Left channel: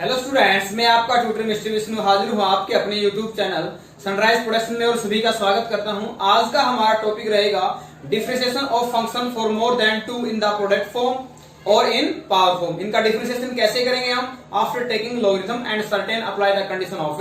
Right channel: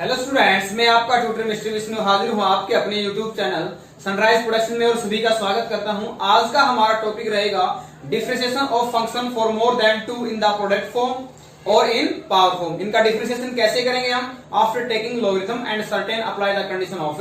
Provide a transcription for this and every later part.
Hello students, मैं आपका tutor mister Vishnu हाजिर हूँ आपके अपने यूट्यूब चैनल सनराइज प्रोडक्शन में और सभी का स्वागत करता हूँ। आज का हमारा टॉपिक रहेगा differentiation of function for more than 2 in the product form और इन पावर फॉर्म। इनका डिफरेंशिएशन कैसे करेंगे हम? After taking logarithm and certain apply the condition of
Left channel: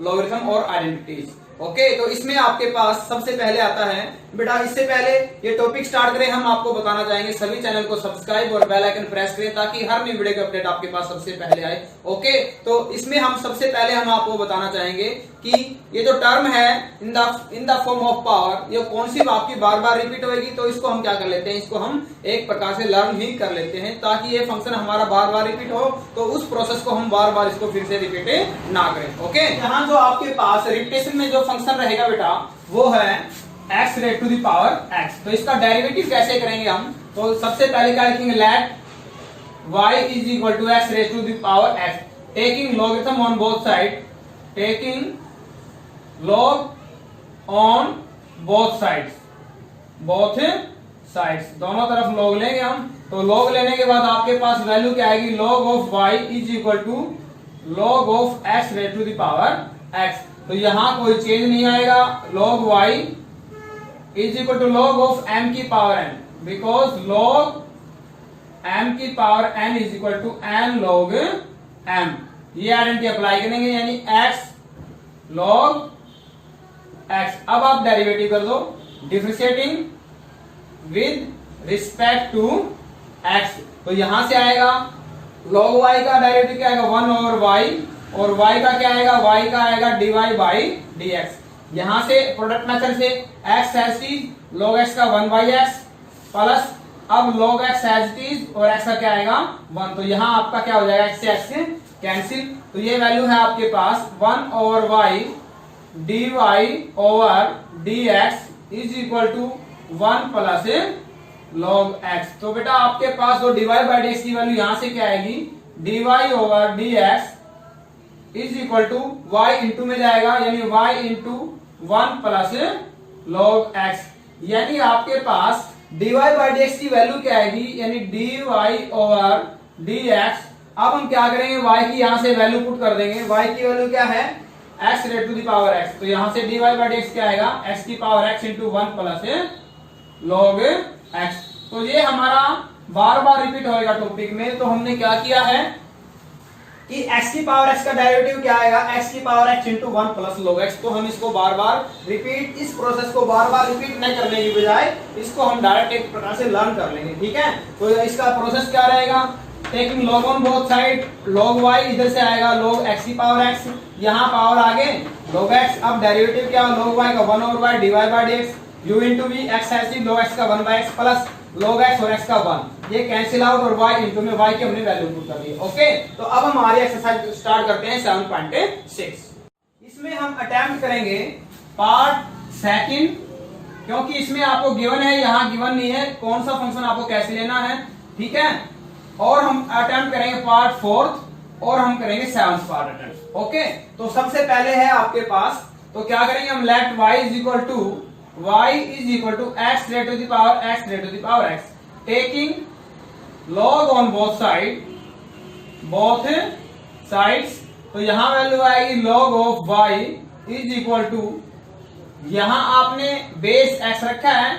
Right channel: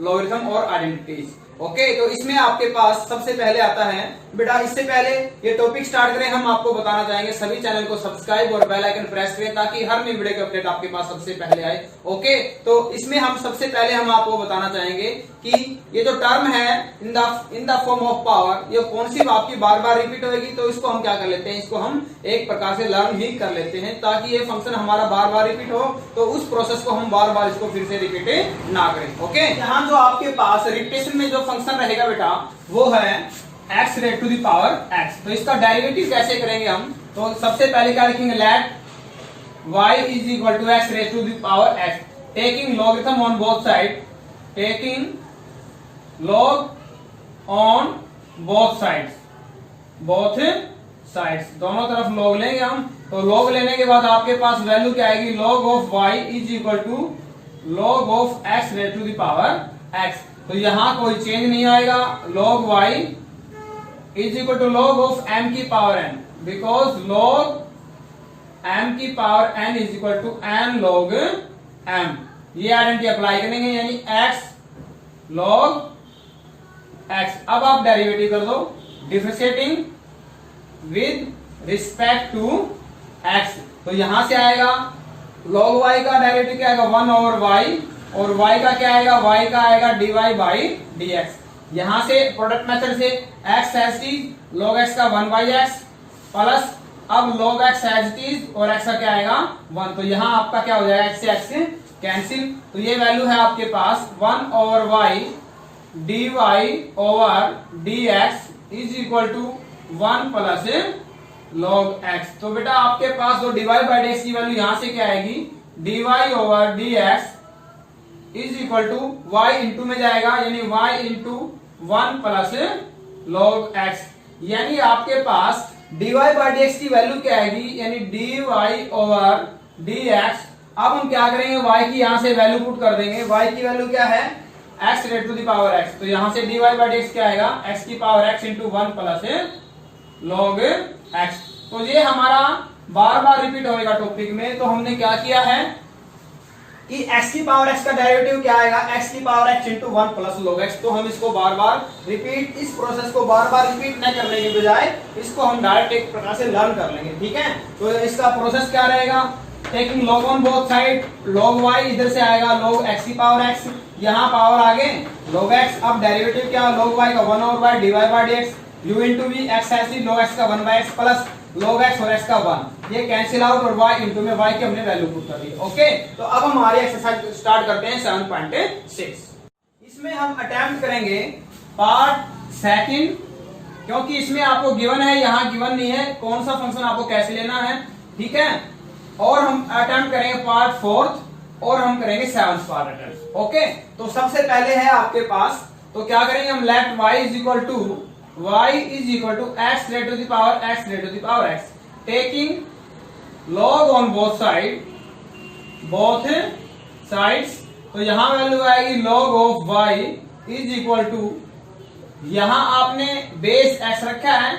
logarithm और आइडेंटिटीज। ओके, तो इसमें आपके पास सबसे पहले आता है बेटा, इससे पहले ये टॉपिक स्टार्ट करें हम आपको बताना चाहेंगे सभी चैनल को सब्सक्राइब और बेल आइकन प्रेस करें ताकि हर नई वीडियो की अपडेट आपके पास सबसे पहले आए। ओके, तो इसमें हम सबसे पहले हम आपको बताना चाहेंगे कि ये जो टर्म है in the form of power, ये कौन सी आपकी बार बार रिपीट होगी, तो इसको हम क्या कर लेते हैं, इसको हम एक प्रकार से लर्न ही कर लेते हैं ताकि ये फंक्शन हमारा बार बार रिपीट हो, तो उस प्रोसेस को हम बार बार इसको फिर से रिपीट ना करें। ओके, यहाँ जो आपके पास रिपीटेशन में जो फंक्शन रहेगा बेटा वो है x rate to the power x। तो इसका डेरिवेटिव कैसे करेंगे हम? तो सबसे पहले क्या लिखेंगे, let y is equal to x rate to the power x, taking logarithm on both side, taking log on both sides, both sides दोनों तरफ लॉग लेंगे हम। तो लॉग लेने के बाद आपके पास वैल्यू क्या आएगी, log of y is equal to log of x rate to the power x। तो यहां कोई चेंज नहीं आएगा, log y is equal to log of m की power n, because log m की power n is equal to n log m। ये identity apply करेंगे, यानी x log x। अब आप डेरिवेटिव कर दो, differentiating with respect to x। तो यहां से आएगा log y का डेरिवेटिव क्या आएगा, 1 ओवर y, और y का क्या आएगा, y का आएगा dy बाई dx। यहां से प्रोडक्ट मेथड से x as is log x का 1 बाई x प्लस अब log x एज इज और x का क्या आएगा 1। तो यहां आपका क्या हो जाएगा, x से x कैंसिल। तो ये वैल्यू है आपके पास 1 over y dy over dx is equal to 1 plus log x। तो बेटा आपके पास जो dy बाई dx की वैल्यू यहां से क्या आएगी, dy over dx is equal to y into में जाएगा, यानी y into 1 plus log x। यानी आपके पास dy बाई dx की वैल्यू क्या आएगी, यानी dy ओवर dx। अब हम क्या करेंगे, y की यहां से वैल्यू पुट कर देंगे, y की वैल्यू क्या है, x rate to the power x। तो यहां से dy बाई dx क्या आएगा, x की power x into 1 plus log x। तो ये हमारा बार बार रिपीट होएगा टॉपिक में। तो हमने क्या किया है कि x की पावर x का डेरिवेटिव क्या आएगा, x की power x into 1 plus log x। तो हम इसको बार बार रिपीट, इस प्रोसेस को बार बार रिपीट न करने की बजाय इसको हम डायरेक्ट एक प्रकार से लर्न कर लेंगे। ठीक है, तो इसका प्रोसेस क्या रहेगा, taking log on both side, log y इधर से आएगा log x की पावर x, यहाँ पावर आगे log x। अब डेरिवेटिव क्या, log y का 1 over y dy by dx, u into v x ऐसी log x का 1 by x plus log x और x का 1, ये कैंसिल आउट और y इंटू में y की हमने वैल्यू पुट कर दी। ओके, तो अब हम हमारी एक्सरसाइज स्टार्ट करते हैं 7.6। इसमें हम अटेम्प्ट करेंगे पार्ट सेकंड, क्योंकि इसमें आपको गिवन है, यहाँ गिवन नहीं है कौन सा फंक्शन आपको कैसे लेना है। ठीक है, और हम अटेम्प्ट करेंगे पार्ट फोर्थ और हम करेंगे 7th पार्ट अटेम्प्ट। ओके, तो सबसे पहले है आपके पास, तो क्या करेंगे हम, let y is equal to x rate to the power x, taking log on both sides. तो यहां वैल्यू आएगी log of y is equal to, यहां आपने बेस x रखा है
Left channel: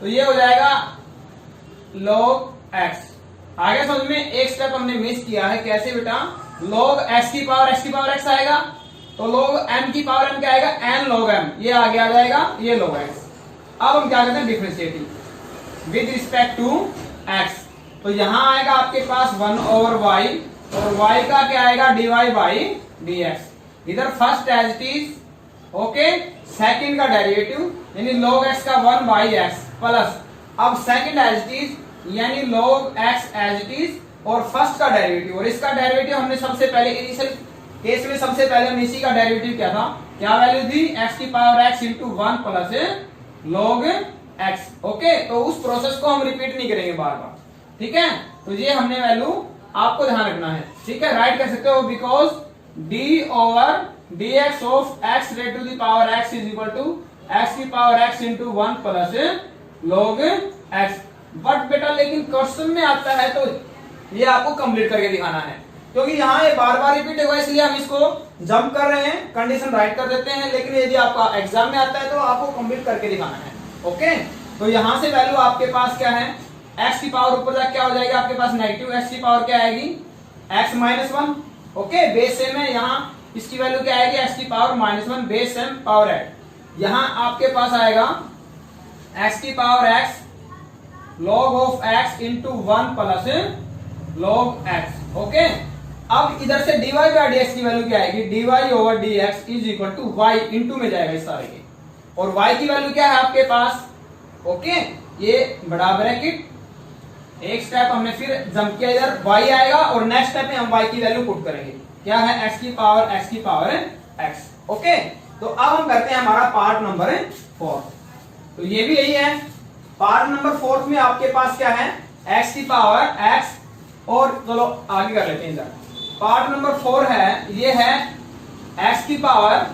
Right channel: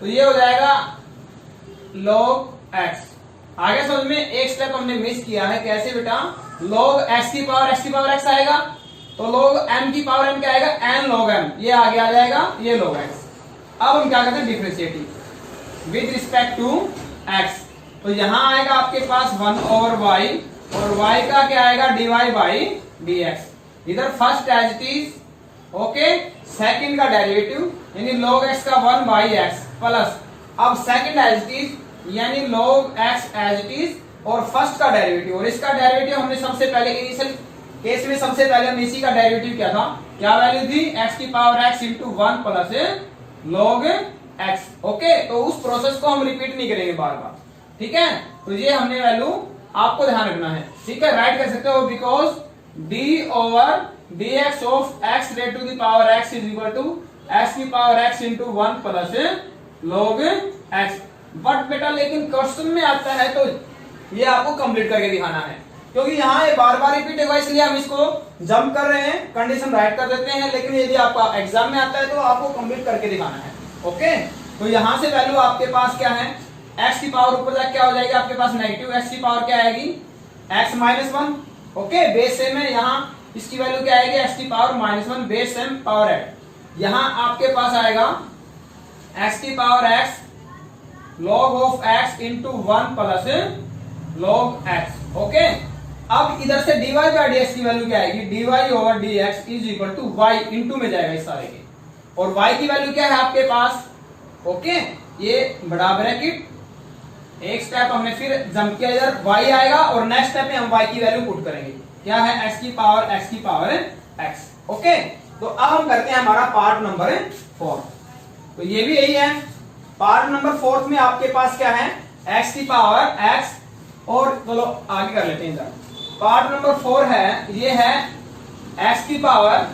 तो ये हो जाएगा log x। आगे समझ में, एक स्टेप हमने मिस किया है, कैसे बेटा, log x की पावर x आएगा, तो log m की पावर m क्या आएगा, n log m, ये आगे आ जाएगा, ये log x। अब हम क्या करते हैं, differentiating with respect to x। तो यहां आएगा आपके पास 1 ओवर y, और y का क्या आएगा, dy बाई dx। इधर first as it is, okay, second का डेरिवेटिव यानी log x का 1 बाई x प्लस अब सेकंड एज इट इज यानी log x as it is, और फर्स्ट का डेरिवेटिव, और इसका डेरिवेटिव हमने सबसे पहले इनिशियल केस में सबसे पहले हम इसी का डेरिवेटिव क्या था, क्या वैल्यू थी, x की power x into 1 plus log x। Okay, तो उस प्रोसेस को हम रिपीट नहीं करेंगे बार बार। ठीक है, तो ये हमने वैल्यू आपको ध्यान रखना है। ठीक है, राइट कर सकते हो, because d over dx of x rate to the power x is equal to x की power x into 1 plus log x। But बेटा लेकिन क्वेश्चन में आता है तो ये आपको कंप्लीट करके दिखाना है। क्योंकि यहाँ ये बार बार रिपीट होगा इसलिए हम इसको जंप कर रहे हैं, कंडीशन राइट कर देते हैं। लेकिन यदि आपका एग्जाम में आता है तो आपको कंप्लीट करके दिखाना है। ओके, तो यहाँ से वैल्यू आपके पास क्या है, x की पावर ऊपर जाके क्या हो जाएगी आपके पास, नेगेटिव x की पावर क्या आएगी, x minus 1। Okay, base same है, यहाँ इसकी वैल्यू क्या आएगी, x की पावर -1, बेस सेम पावर है। यहाँ आपके पास आएगा x की power x log of x into 1 plus log x। Okay, अब इधर से dy बाई dx की वैल्यू क्या आएगी, dy over dx is equal to y into में जाएगा इस सारे के, और y की वैल्यू क्या है आपके पास। ओके, ये बड़ा ब्रैकेट, एक स्टेप हमने फिर जंप किया, इधर y आएगा और नेक्स्ट स्टेप में हम y की वैल्यू पुट करेंगे, क्या है x की पावर x। ओके, तो अब हम करते हैं हमारा पार्ट नंबर 4। तो ये भी यही है, पार्ट नंबर 4 में आपके पास क्या है, x की पावर x, और चलो आगे कर लेते हैं। इधर पार्ट नंबर 4 है, ये है x की power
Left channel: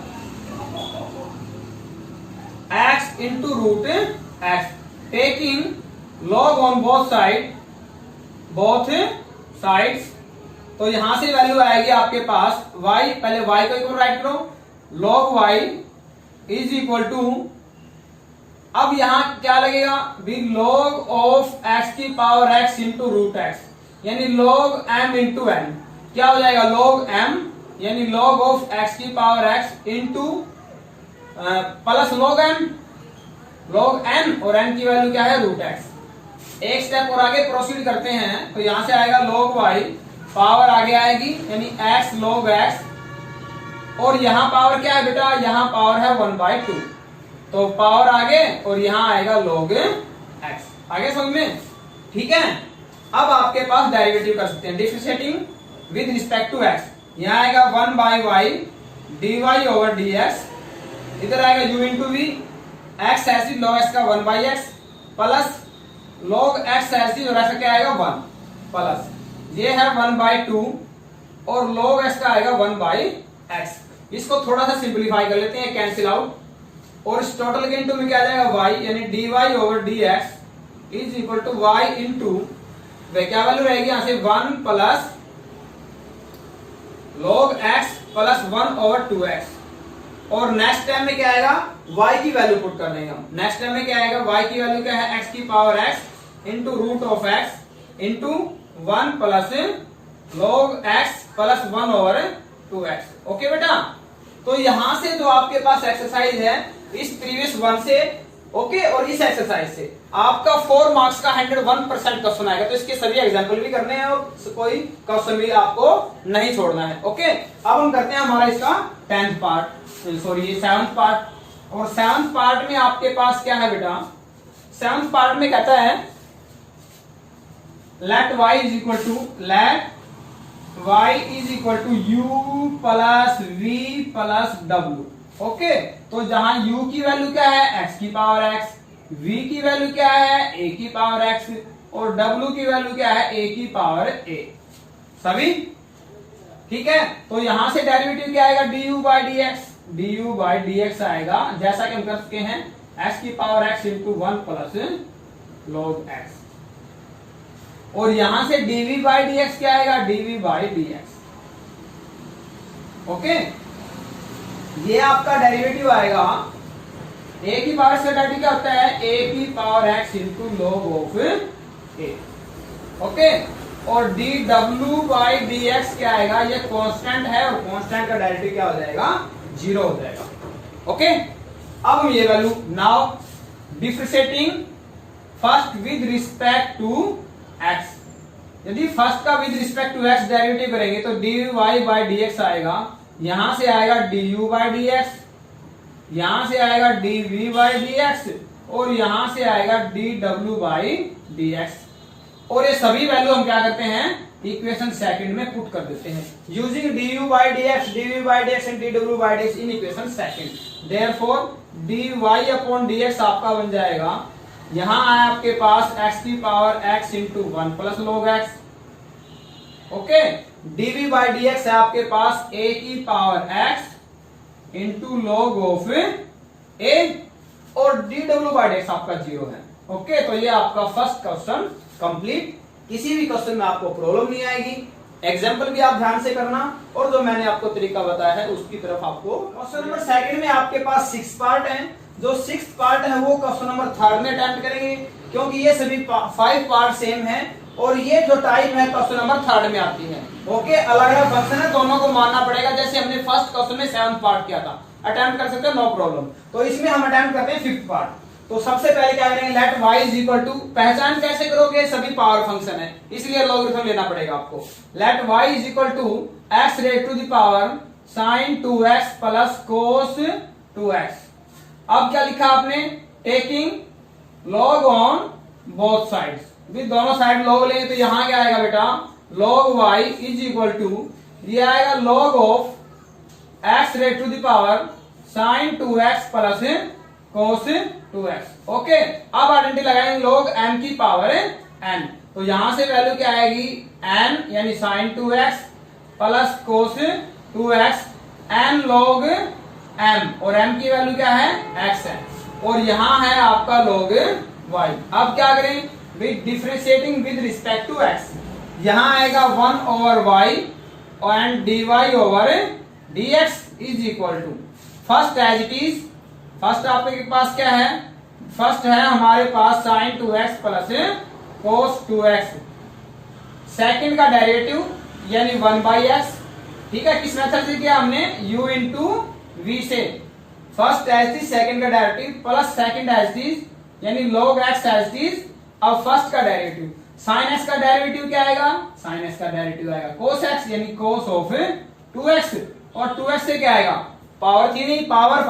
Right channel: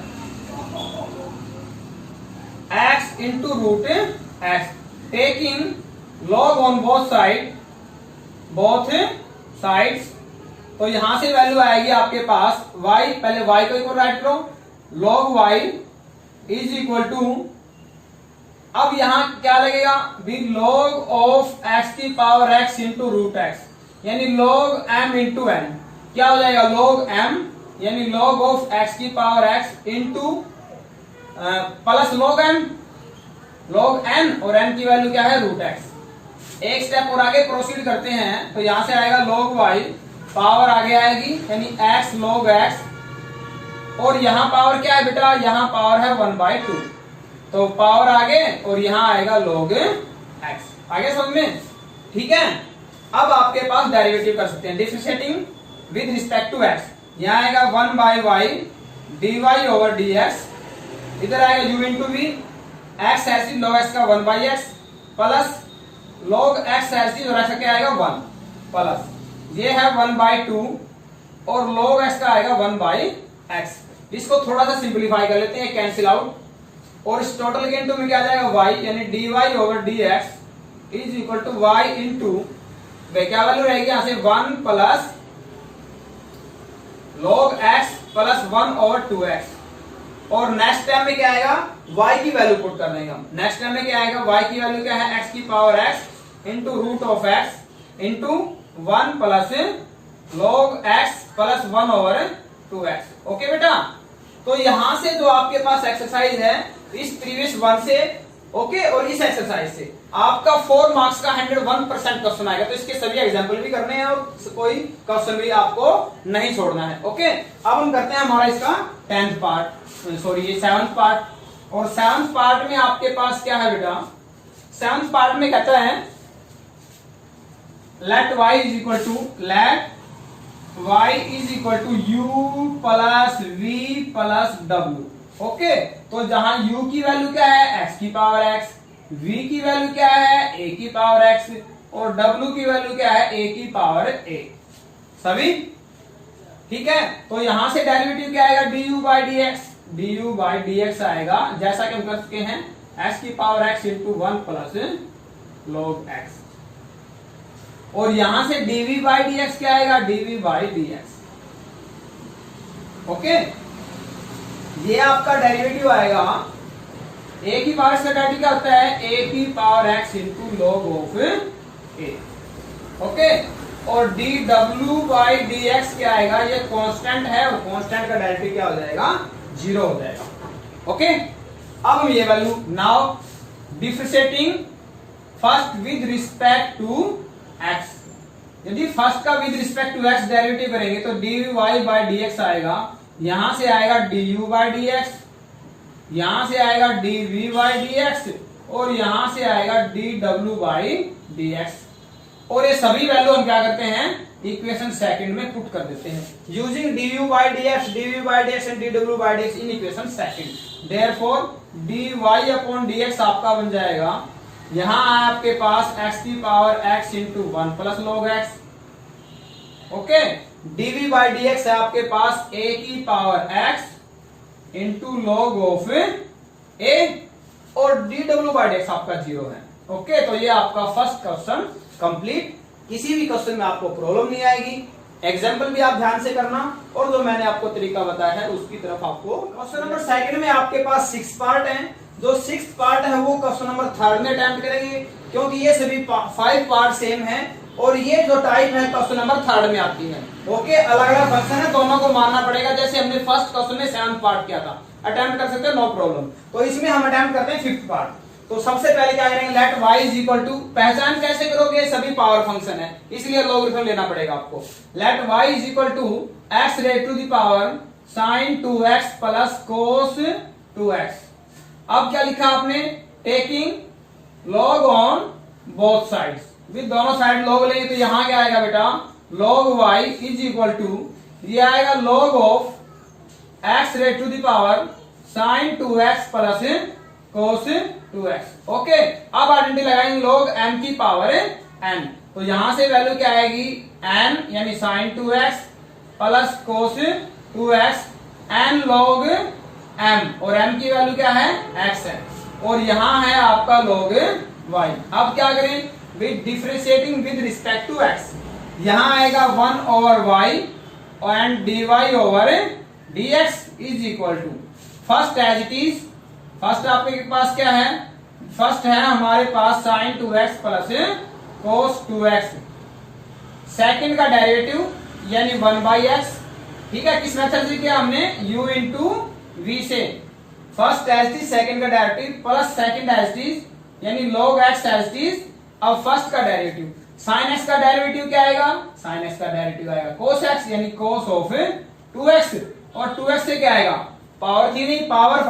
x into root x, taking log on both sides. तो यहां से वैल्यू आएगी आपके पास y, पहले y को इक्वल राइट करो, log y is equal to, अब यहां क्या लगेगा, बी log ऑफ x की power x into root x, यानी log m इंटू n, क्या हो जाएगा log m, यानी log ऑफ x की power x into plus log n, और n की वैल्यू क्या है, रूट x। एक स्टेप और आगे प्रोसीड करते हैं, तो यहां से आएगा log y, पावर आगे आएगी यानी x log x, और यहां पावर क्या है बेटा, यहां पावर है 1/2, तो पावर आगे और यहां आएगा log x। आगे समझ में, ठीक है। अब आपके पास डेरिवेटिव कर सकते हैं, differentiating with respect to x, यहां आएगा 1/y dy ओवर dx, इधर आएगा u इंटू v, x ऐसी log x का 1/x प्लस log x ऐसी और ऐसा क्या आएगा 1, प्लस ये है 1/2 और log x का आएगा 1/x। इसको थोड़ा सा सिंपलीफाई कर लेते हैं, कैंसिल आउट, और इस टोटल के इंटू में क्या जाएगा y, यानी dy over dx is equal to y into क्या वैल्यू रहेगी यहां से 1 plus log x plus 1 over 2x, और नेक्स्ट टाइम में क्या आएगा, y की वैल्यू पुट कर देंगे हम। नेक्स्ट टाइम में क्या आएगा, y की वैल्यू क्या है, x की power x into root of x into 1 plus log x plus 1 over 2x। Okay बेटा, तो यहां से जो आपके पास एक्सरसाइज है, इस प्रीवियस 1 से ओके, और इस एक्सरसाइज से आपका 4 मार्क्स का 101% क्वेश्चन आएगा। तो इसके सभी एग्जांपल भी करने हैं और कोई क्वेश्चन भी आपको नहीं छोड़ना है। ओके, अब हम करते हैं हमारा इसका 10th पार्ट, सॉरी ये 7th पार्ट। और 7th पार्ट में आपके पास क्या है बेटा, 7th पार्ट में कहता है let y is equal to u plus v plus w। Okay, तो जहां u की वैल्यू क्या है, x की पावर x, v की वैल्यू क्या है, a की पावर x, और w की वैल्यू क्या है, a की पावर a। सभी ठीक है। तो यहां से डेरिवेटिव क्या आएगा, du बाई dx आएगा, जैसा कि हम कर चुके हैं, x की power x into 1 plus log x, और यहां से dv बाई dx क्या आएगा, dv बाई dx। ओके, ये आपका डेरिवेटिव आएगा, a की पावर से डेरिवेटिव क्या होता है, a की power x into log of a। Okay, और dw बाई dx क्या आएगा, ये कांस्टेंट है, और कांस्टेंट का डेरिवेटिव क्या हो जाएगा, 0 हो जाएगा। ओके, अब हम ये value now differentiating first with respect to x, यदि फर्स्ट का with respect to x derivative करेंगे तो dy बाई dx आएगा, यहां से आएगा du बाई dx, यहां से आएगा dv बाई dx, और यहां से आएगा dw बाई dx, और ये सभी वैल्यू हम क्या करते हैं, इक्वेशन सेकंड में पुट कर देते हैं using du by dx, dv by dx and dw by dx in equation second. Therefore dy upon dx आपका बन जाएगा, यहां आया आपके पास x की power x into 1 plus log x। Okay, dv by dx है आपके पास a की power x into log of a, और dw बाई dx आपका 0 है। ओके, तो ये आपका फर्स्ट क्वेश्चन कंप्लीट। किसी भी क्वेश्चन में आपको प्रॉब्लम नहीं आएगी। एग्जाम्पल भी आप ध्यान से करना और जो मैंने आपको तरीका बताया है उसकी तरफ आपको। क्वेश्चन नंबर सेकंड में आपके पास 6 पार्ट हैं। जो 6 पार्ट है वो क्वेश्चन नंबर थर्ड में अटेम्प्ट करेंगे, क्योंकि ये सभी 5 पार्ट सेम है और ये जो टाइप है क्वेश्चन नंबर थर्ड में आती है। ओके, अलग अलग फंक्शन है, दोनों को मानना पड़ेगा। जैसे हमने फर्स्ट क्वेश्चन में 7 पार्ट किया था, अटेम्प्ट कर सकते हो, नो प्रॉब्लम। तो इसमें हम अटेम्प्ट करते हैं 5th पार्ट। तो सबसे पहले क्या करेंगे, let y is equal to, पहचान कैसे करोगे, सभी पावर फंक्शन है इसलिए लॉगरिथम लेना पड़ेगा आपको। Let y is equal to x raise to the power sin 2x plus cos 2x। अब क्या लिखा आपने, taking log on both sides, भी दोनों साइड log लेंगे तो यहां क्या आएगा बेटा, log y is equal to, ये आएगा log of x raise to the power sin 2x plus cos 2x। Okay, अब आइडेंटिटी लगाएंगे log m की पावर n। तो यहां से वैल्यू क्या आएगी, n यानी sin 2x plus cos 2x n log m, और m की वैल्यू क्या है, x है, और यहां है आपका log y। अब क्या करें, with differentiating with respect to x, यहां आएगा 1 over y and dy over dx is equal to, first as it is, first आपके पास क्या है, फर्स्ट है हमारे पास sin 2x plus cos 2x, second का डेरिवेटिव यानी 1/x, ठीक है, किस मेथड से किया हमने, u इंटू v से, first as it is, second का derivative plus second as it is यानी log x as it is, अब फर्स्ट का डेरिवेटिव, sin x का डेरिवेटिव क्या आएगा, sin x का डेरिवेटिव आएगा cos x यानी cos ऑफ 2x, और 2x से क्या आएगा, पावर थी नहीं, पावर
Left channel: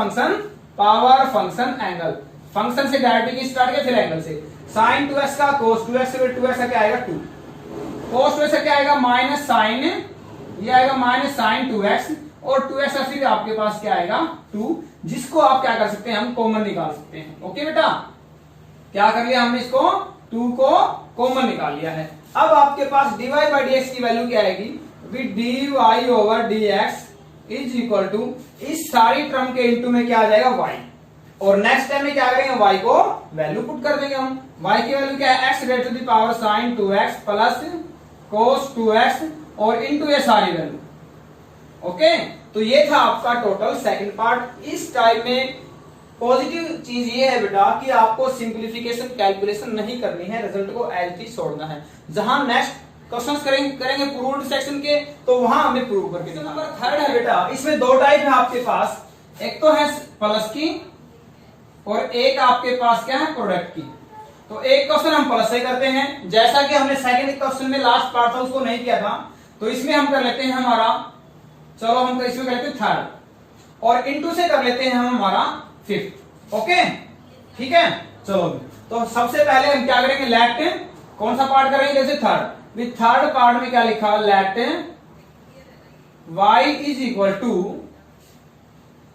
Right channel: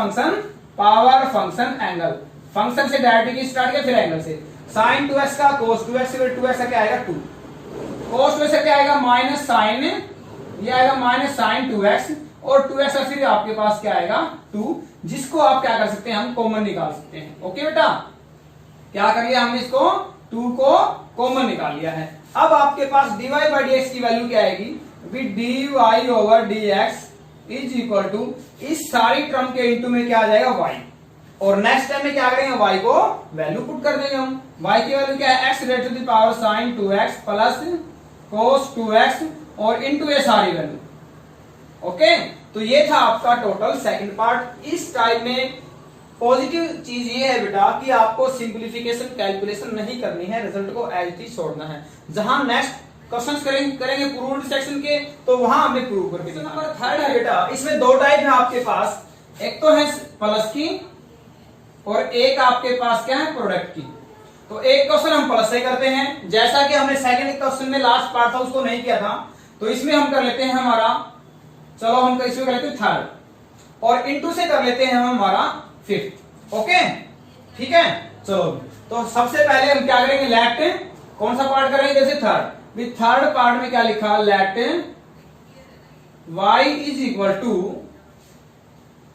फंक्शन एंगल, फंक्शन से डायरेक्टली स्टार्ट किया फिर एंगल से, sin 2x का cos 2x से 2x का क्या आएगा 2, cos 2x से क्या आएगा माइनस sin, ये आएगा माइनस sin 2x, और 2x का फिर आपके पास क्या आएगा 2, जिसको आप क्या कर सकते हैं, हम कॉमन निकाल सकते हैं। ओके बेटा, क्या कर लिया हमने, इसको 2 को कॉमन निकाल लिया है। अब आपके पास dy बाई dx की वैल्यू क्या आएगी, with dy over dx is equal to, इस सारी टर्म के इंटू में क्या आ जाएगा y, और नेक्स्ट टाइम में क्या करेंगे, y को वैल्यू पुट कर देंगे हम। y की वैल्यू क्या है, x raise to the power sin 2x plus cos 2x और इंटू ये सारी वैल्यू। ओके, तो ये था आपका टोटल सेकंड पार्ट। इस टाइप में पॉजिटिव चीज ये है बेटा कि आपको सिंप्लीफिकेशन कैलकुलेशन नहीं करनी है, रिजल्ट को एज इट इज छोड़ना है। जहां नेक्स्ट क्वेश्चंस करेंगे प्रूव्ड सेक्शन के, तो वहां हमें प्रूव करके। नंबर थर्ड है बेटा, इसमें 2 टाइप है आपके पास, एक तो है प्लस की और एक आपके पास क्या है, प्रोडक्ट की। तो एक क्वेश्चन हम प्लस से करते हैं, जैसा कि हमने सेकंड क्वेश्चन में लास्ट पार्ट था उसको नहीं किया था, तो इसमें हम कर लेते हैं हमारा, चलो हम इसमें कर लेते हैं थर्ड, और इंटू से कर लेते हैं हम हमारा 5th। ओके, ठीक है, चलो तो सबसे पहले हम क्या करेंगे, लेट, कौन सा पार्ट करेंगे, जैसे थर्ड, विद थर्ड पार्ट में क्या लिखा, let y is equal to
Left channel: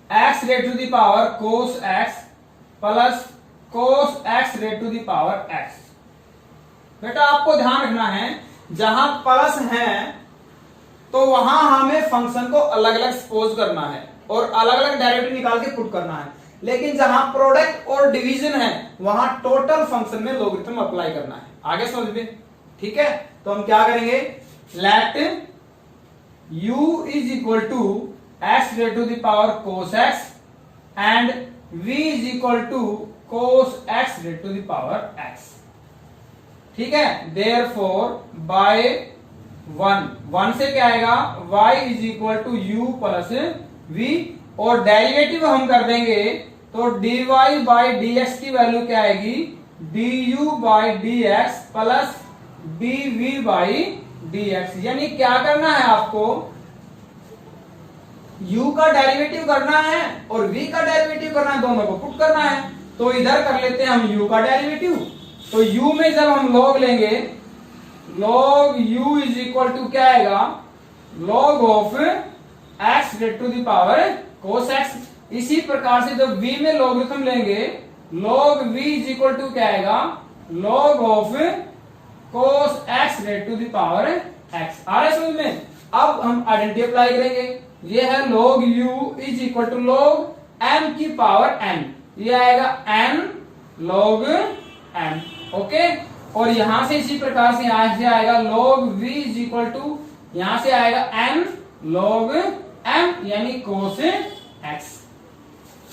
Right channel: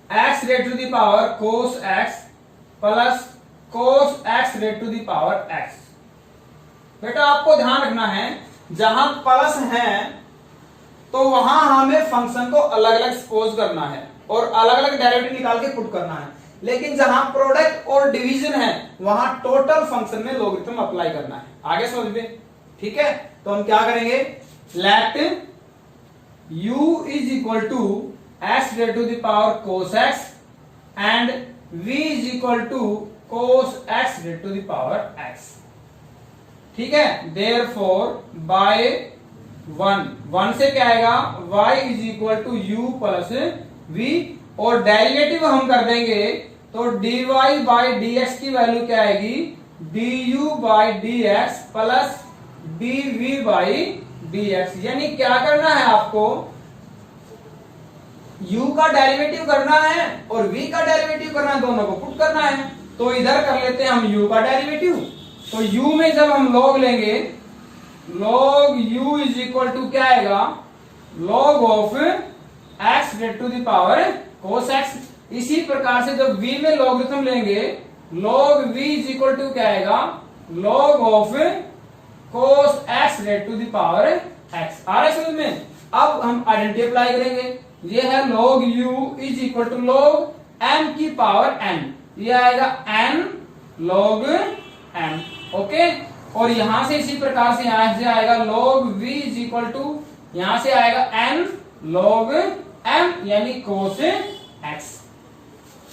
x raise to the power cos x plus cos x raise to the power x। बेटा आपको ध्यान रखना है, जहां प्लस है तो वहां हमें फंक्शन को अलग अलग सपोज करना है और अलग अलग डेरिवेटिव निकाल के पुट करना है, लेकिन जहां प्रोडक्ट और डिवीजन है वहां टोटल फंक्शन में लॉगरिथम अप्लाई करना है। आगे समझ में, ठीक है, तो हम क्या करेंगे, let u is equal to x raise to the power cos x and v is equal to cos x raise to the power x। ठीक है, देयरफॉर बाय 1 से क्या आएगा, y is equal to u plus v, और derivative हम कर देंगे तो dy बाई dx की वैल्यू क्या आएगी, du by dx plus dv by dx। यानी क्या करना है आपको, u का डेरिवेटिव करना है और v का डेरिवेटिव करना है, दोनों को पुट करना है। तो इधर कर लेते हैं हम u का डेरिवेटिव, तो u में जब हम log लेंगे, log u is equal to क्या आएगा, log of x raise to the power cos x। इसी प्रकार से जब v में लॉगरिथम लेंगे, log v is equal to क्या आएगा, log of cos x raise to the power x। आ रहा है समझ में। अब हम आइडेंटिटी अप्लाई करेंगे, ये है log u is equal to log m की पावर n, ये आएगा n log m। ओके, और यहां से इसी प्रकार से यहां से आएगा log v is equal to यहां से आएगा n log m यानी cos x।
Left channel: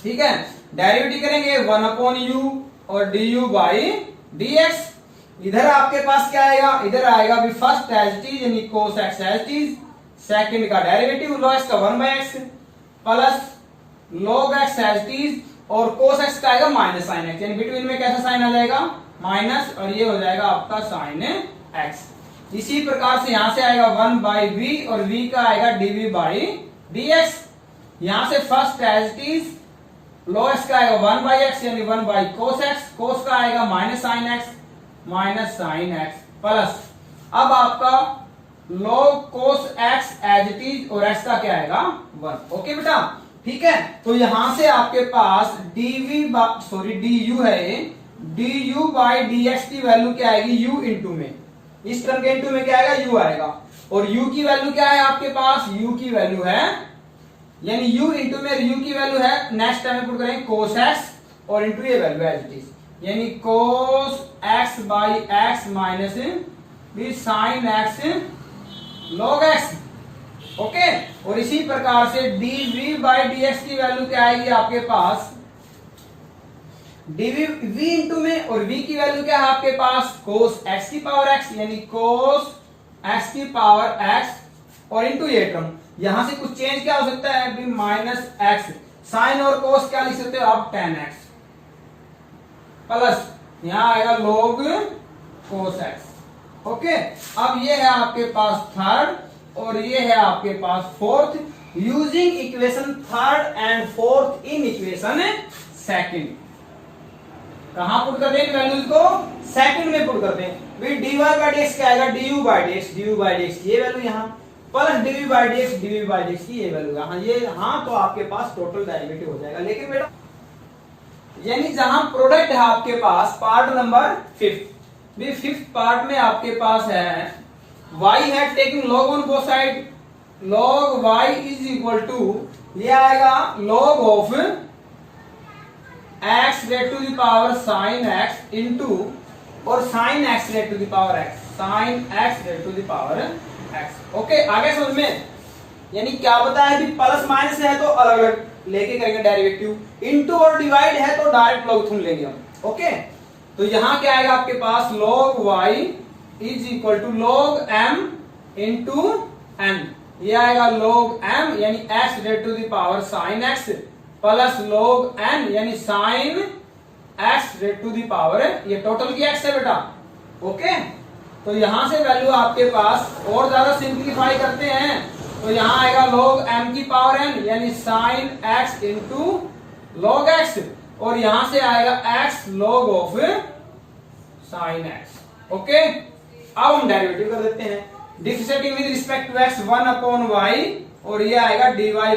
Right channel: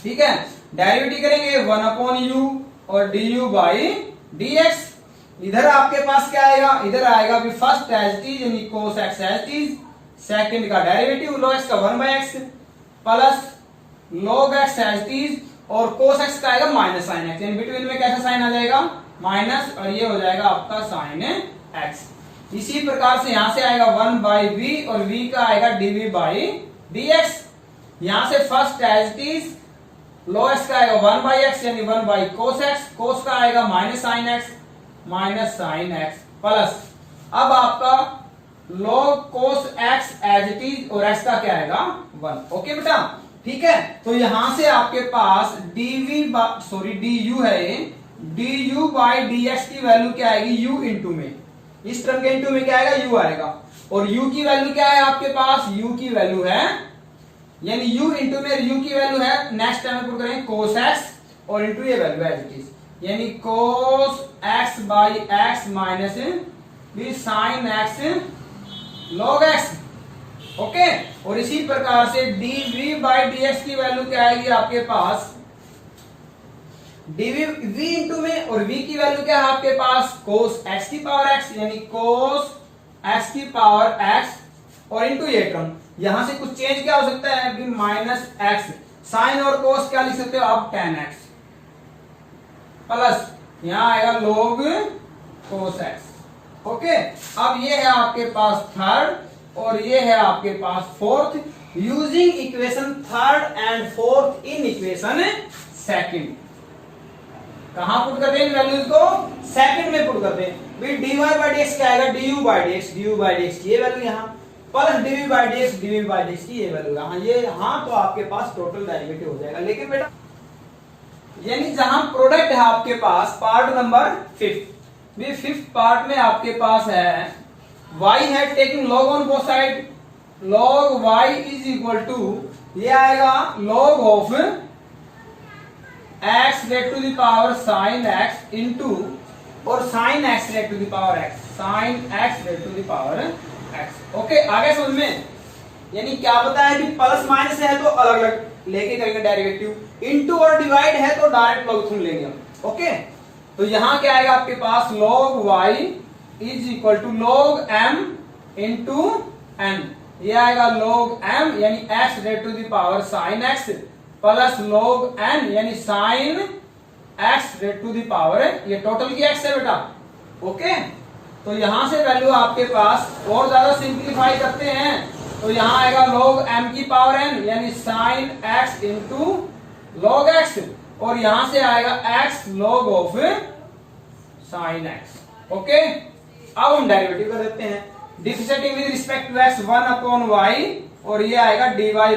ठीक है, डेरिवेटिव करेंगे 1/u और du बाई dx। इधर आपके पास क्या आएगा, इधर आएगा भी फर्स्ट एज इट इज यानी cos x as it is, second का डेरिवेटिव log x का 1/x plus log x as it is, और cos x का आएगा माइनस साइन x, यानी बिटवीन में कैसा साइन आ जाएगा माइनस, और ये हो जाएगा आपका साइन x। इसी प्रकार से यहां से आएगा 1/v और v का आएगा dv बाई dx। यहां से first as it is log x का आएगा 1/x यानी 1/cos x, cos का आएगा माइनस साइन x प्लस अब आपका log cos x as it is और x का क्या आएगा 1। ओके बेटा, ठीक है। तो यहां से आपके पास du है, du बाई dx की वैल्यू क्या आएगी u इंटू में, इस टर्म के इंटू में क्या आएगा u आएगा, और u की वैल्यू क्या है आपके पास, u की वैल्यू है यानी u इंटू में u की वैल्यू है, नेक्स्ट टाइम में पुट करेंगे cos x और इंटू ये वैल्यू एज इट इज, यानी cos x by x minus भी sine x log x। Okay, और इसी प्रकार से dv बाई dx की वैल्यू क्या आएगी आपके पास, dv v इंटू में, और v की वैल्यू क्या है आपके पास cos x की पावर x यानी cos x की पावर x, और इंटू ये टर्म, यहां से कुछ चेंज क्या हो सकता है भी माइनस x, साइन और cos क्या लिख सकते हो आप tan x, प्लस यहां आएगा log cos x। ओके, अब ये है आपके पास थर्ड और ये है आपके पास fourth, using equation third and fourth in equation second. कहां पुट करते हैं वैल्यूज को, सेकंड में पुट करते हैं। भी dy बाई dx क्या आएगा du बाई dx ये वैल्यू यहां, प्लस dv बाई dx की ये वैल्यू यहां, ये हाँ, तो आपके पास टोटल डेरिवेटिव हो जाएगा। लेकिन बेटा यानी जहां प्रोडक्ट है आपके पास पार्ट नंबर 5th पार्ट में आपके पास है y है, taking log on both side, log y is equal to ये आएगा log of x rate to the power sin x into और sin x rate to the power x, sin x rate to the power x। Okay, आगे समझ में, यानी क्या पता है कि प्लस माइनस है तो अलग अलग लेके करेंगे डेरिवेटिव, इनटू और डिवाइड है तो डायरेक्ट लॉगरिथम लेंगे हम। ओके, तो यहां क्या आएगा आपके पास log y is equal to log m into n, ये आएगा log m यानी x rate to the power sin x plus log n यानी sin x rate to the power, ये टोटल की x है बेटा। ओके, तो यहां से वैल्यू आपके पास और ज्यादा सिंप्लीफाई करते हैं तो यहां आएगा log m की पावर n यानी sin x into log x, और यहां से आएगा x log of sin x। Okay, अब हम डेरिवेटिव कर देते हैं, differentiating with respect to x 1/y, और ये आएगा dy by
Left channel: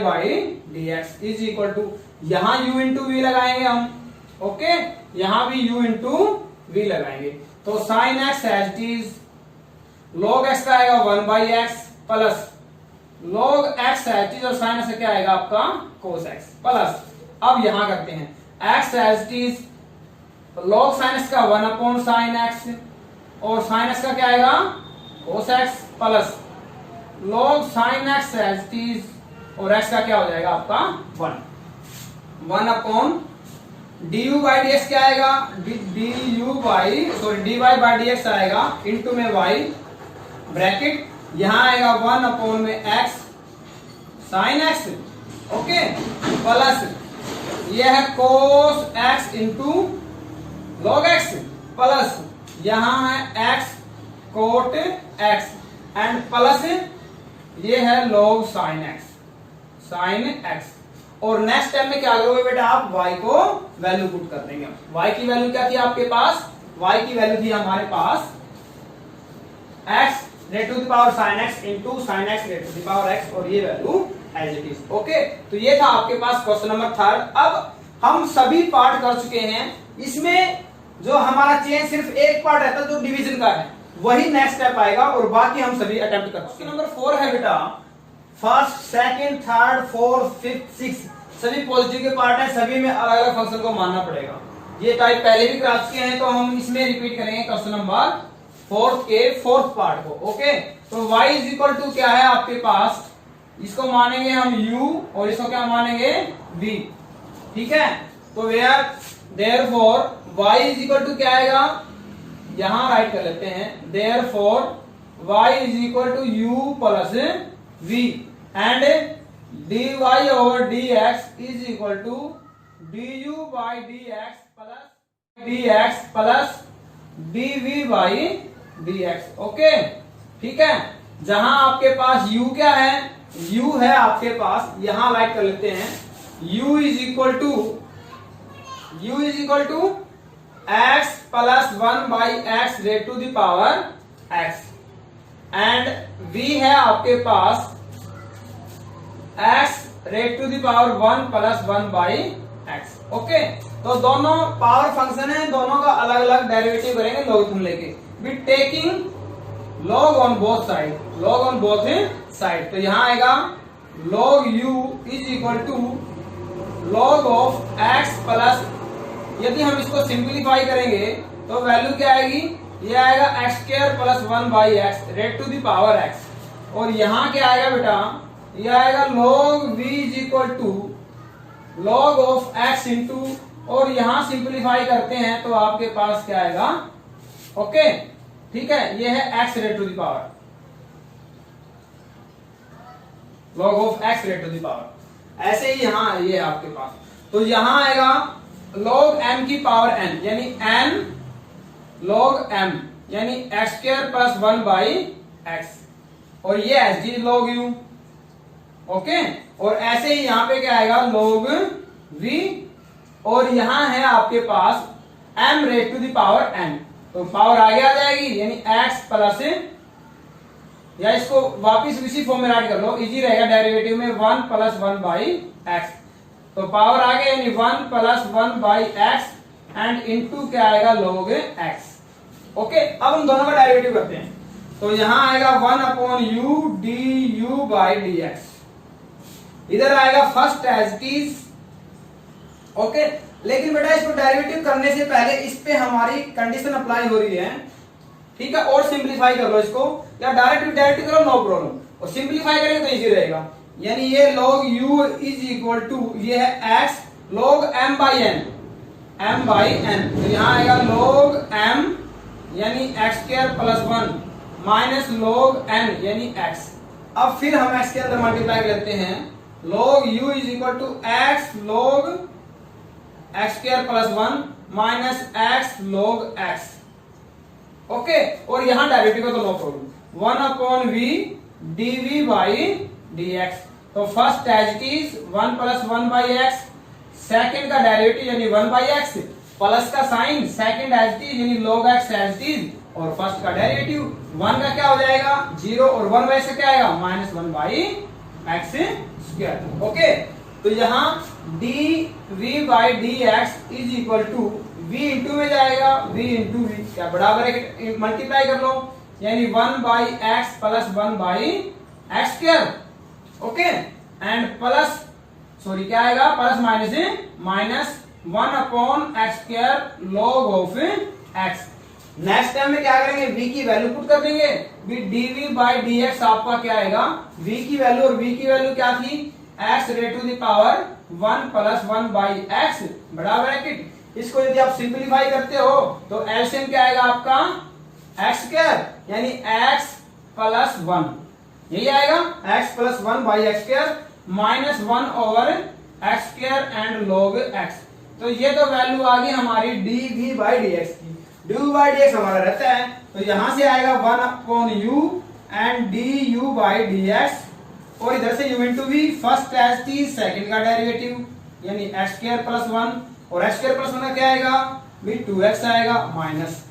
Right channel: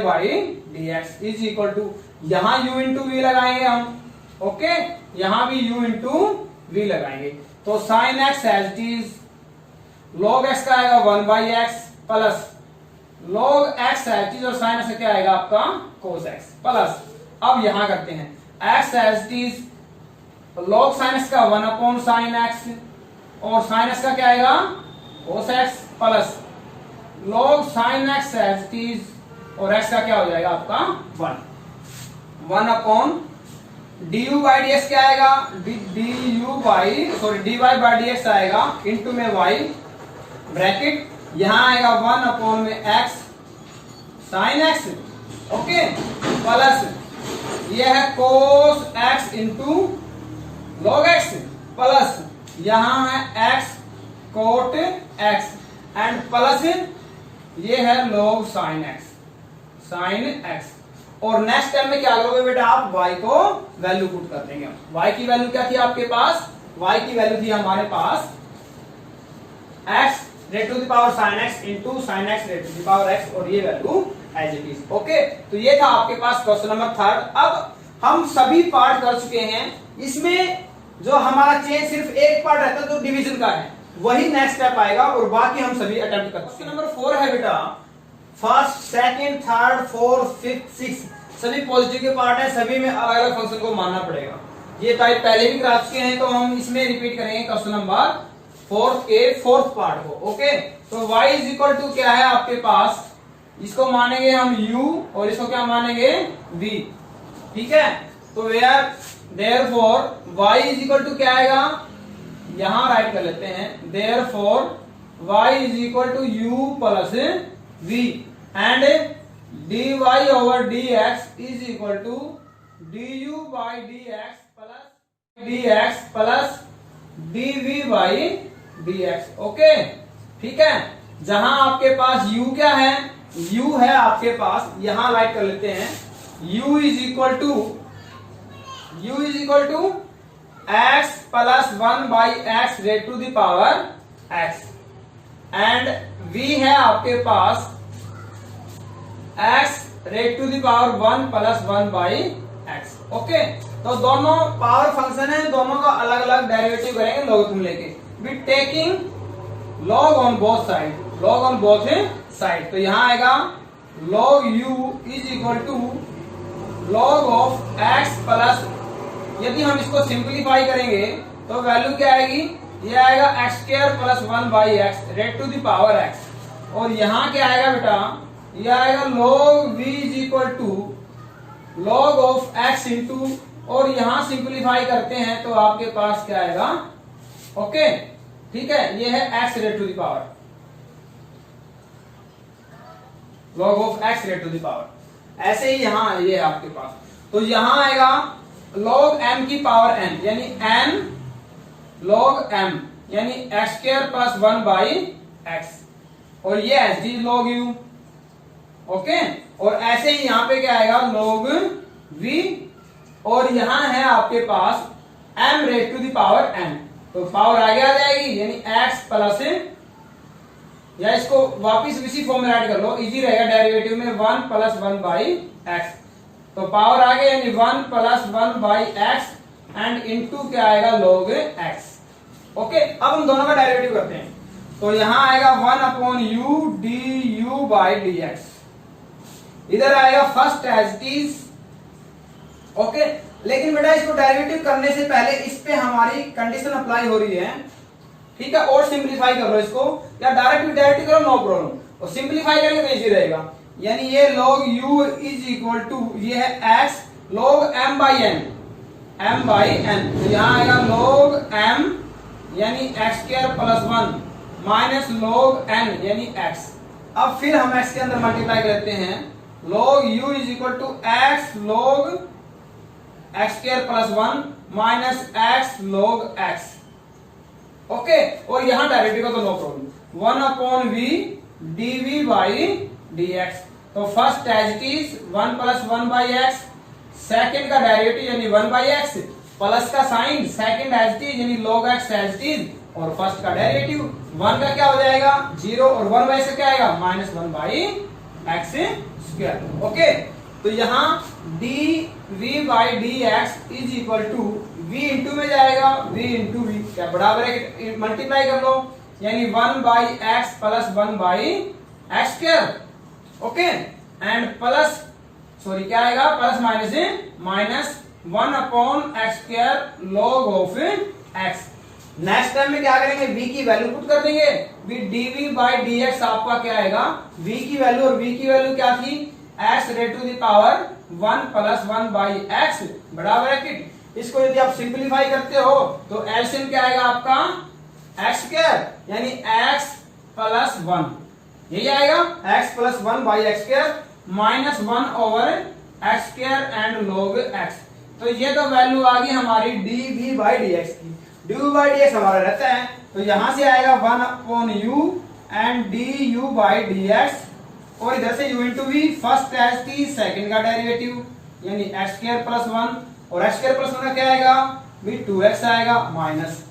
dx is equal to, यहां u इंटू v लगाएंगे हम। ओके, यहां भी u इंटू v लगाएंगे, तो sin x as it is, log x का आएगा 1/x plus log x as it is, और sin x क्या आएगा आपका cos x प्लस, अब यहां करते हैं x as it is, log sin x का 1/sin x, और sin x का क्या आएगा cos x plus log sin x as it is, और x का क्या हो जाएगा आपका 1 du बाई dx क्या आएगा dy बाई dx आएगा इंटू में y ब्रैकेट, यहां आएगा 1 में x sin x। Okay, plus ये है cos x into log x plus यहां है x cot x and plus ये है log sin x। और नेक्स्ट टाइम में क्या करोगे बेटा, आप y को वैल्यू पुट कर देंगे। y की वैल्यू क्या थी आपके पास, y की वैल्यू थी हमारे पास x rate to the power sin x into sin x rate to the power x, और ये value as it is. Okay, तो ये था आपके पास क्वेश्चन नंबर 3। अब हम सभी पार्ट कर चुके हैं, इसमें जो हमारा चेंज सिर्फ एक पार्ट रहता है जो डिवीजन का है, वही नेक्स्ट स्टेप आएगा, और बाकी हम सभी अटेम्प्ट कर। क्वेश्चन नंबर 4 है बेटा, first, second, third, fourth, fifth, six सभी पॉजिटिव के पार्ट है, सभी में अलग अलग फंक्शन को मानना पड़ेगा। ये टाइप पहले भी करा चुके हैं, तो हम इसमें रिपीट करेंगे क्वेश्चन नंबर फोर्थ के फोर्थ पार्ट को। ओके, तो y इज इक्वल टू क्या है आपके पास, इसको मानेंगे हम u और इसको क्या मानेंगे v। ठीक है, तो where therefore y is equal to क्या आएगा, यहां राइट कर लेते हैं, therefore y is equal to u plus v and dy over dx is equal to du by dx plus dv by dx। Okay, ठीक है, जहां आपके पास u क्या है, u है आपके पास, यहां राइट कर लेते हैं, u is equal to x plus 1 by x raised to the power x and v है आपके पास x rate to the power 1 plus 1 by x। Okay, तो दोनों पावर फंक्शन है, दोनों का अलग अलग डेरिवेटिव करेंगे लॉगरिथम लेके, with taking log on both side. तो यहां आएगा log u is equal to log of x plus, यदि हम इसको सिंप्लीफाई करेंगे तो वैल्यू क्या आएगी, ये आएगा x square plus 1 by x raised to the power x। और यहां क्या आएगा बेटा, ये आएगा log v is equal to log of x into, और यहां सिंप्लीफाई करते हैं तो आपके पास क्या आएगा, ओके ठीक है, ये है x rate to the power, log of x rate to the power. ऐसे ही यहां ये आपके पास, तो यहां आएगा log m की पावर n, यानी n log m यानी x square plus 1 by x, और ये H D log u। Okay, और ऐसे ही यहां पे क्या आएगा log v, और यहां है आपके पास m raised to the power n, तो पावर आगे आ जाएगी, यानी x प्लस, या इसको वापिस इसी फॉर्म में राइट कर लो, इजी रहेगा, डेरिवेटिव में 1 प्लस 1 बाई एक्स, तो पावर आ गया यानी 1 plus 1 by x and into क्या आएगा log x। ओके, अब हम दोनों का डेरिवेटिव करते हैं, तो यहां आएगा 1 upon u d u by d x, इधर आएगा first as it is. Okay, लेकिन बेटा इसको डेरिवेटिव करने से पहले इस पे हमारी कंडीशन अप्लाई हो रही है, ठीक है, और सिंप्लीफाई कर लो इसको, या डायरेक्ट करो नो प्रॉब्लम, और सिंप्लीफाई करेंगे तो इजी रहेगा, यानी ये log u is equal to, ये है x log m by n, तो यहां आएगा log m यानी x square plus 1 minus log n यानी x। अब फिर हम x के अंदर मल्टीप्लाई करते हैं, log u is equal to x log x square plus 1 minus x log x। Okay, और यहां डेरिवेटिव का तो no problem, 1 upon v dv by dx, तो first as it is 1 plus 1 by x, second का derivative यानी 1 by x, plus का sign second as it is यानी log x as it is, और फर्स्ट का derivative 1 का क्या हो जाएगा 0, और 1 बाई से क्या आएगा minus 1 by x square. Okay, तो यहाँ dv by dx is equal to v into में जाएगा v इंटू v, क्या बराबर है, मल्टीप्लाई कर लो, यानी 1 by x plus 1 by x square. Okay, and plus, sorry क्या आएगा, plus minus 1 upon x square log of x। Next time में क्या करेंगे, v की वैल्यू पुट कर देंगे, dv बाई dx आपका क्या आएगा, v की वैल्यू, और v की वैल्यू क्या थी, x rate to the power 1 plus 1 by x बराबर है कि, इसको यदि आप सिंप्लीफाई करते हो तो एलसीएम क्या आएगा आपका एक्स स्क्वायर, यानी x प्लस 1, यही आएगा x plus 1 by x square minus 1 over x square and log x। तो ये तो वैल्यू आ गई हमारी dv बाई dx की, dv बाई dx हमारा रहता है, तो यहां से आएगा 1 upon u and du by dx, और इधर से u into v, first as it second का डेरिवेटिव यानी एक्स स्क्वायर प्लस 1, और एक्स स्क्वायर प्लस 1 का क्या आएगा भी 2x आएगा, माइनस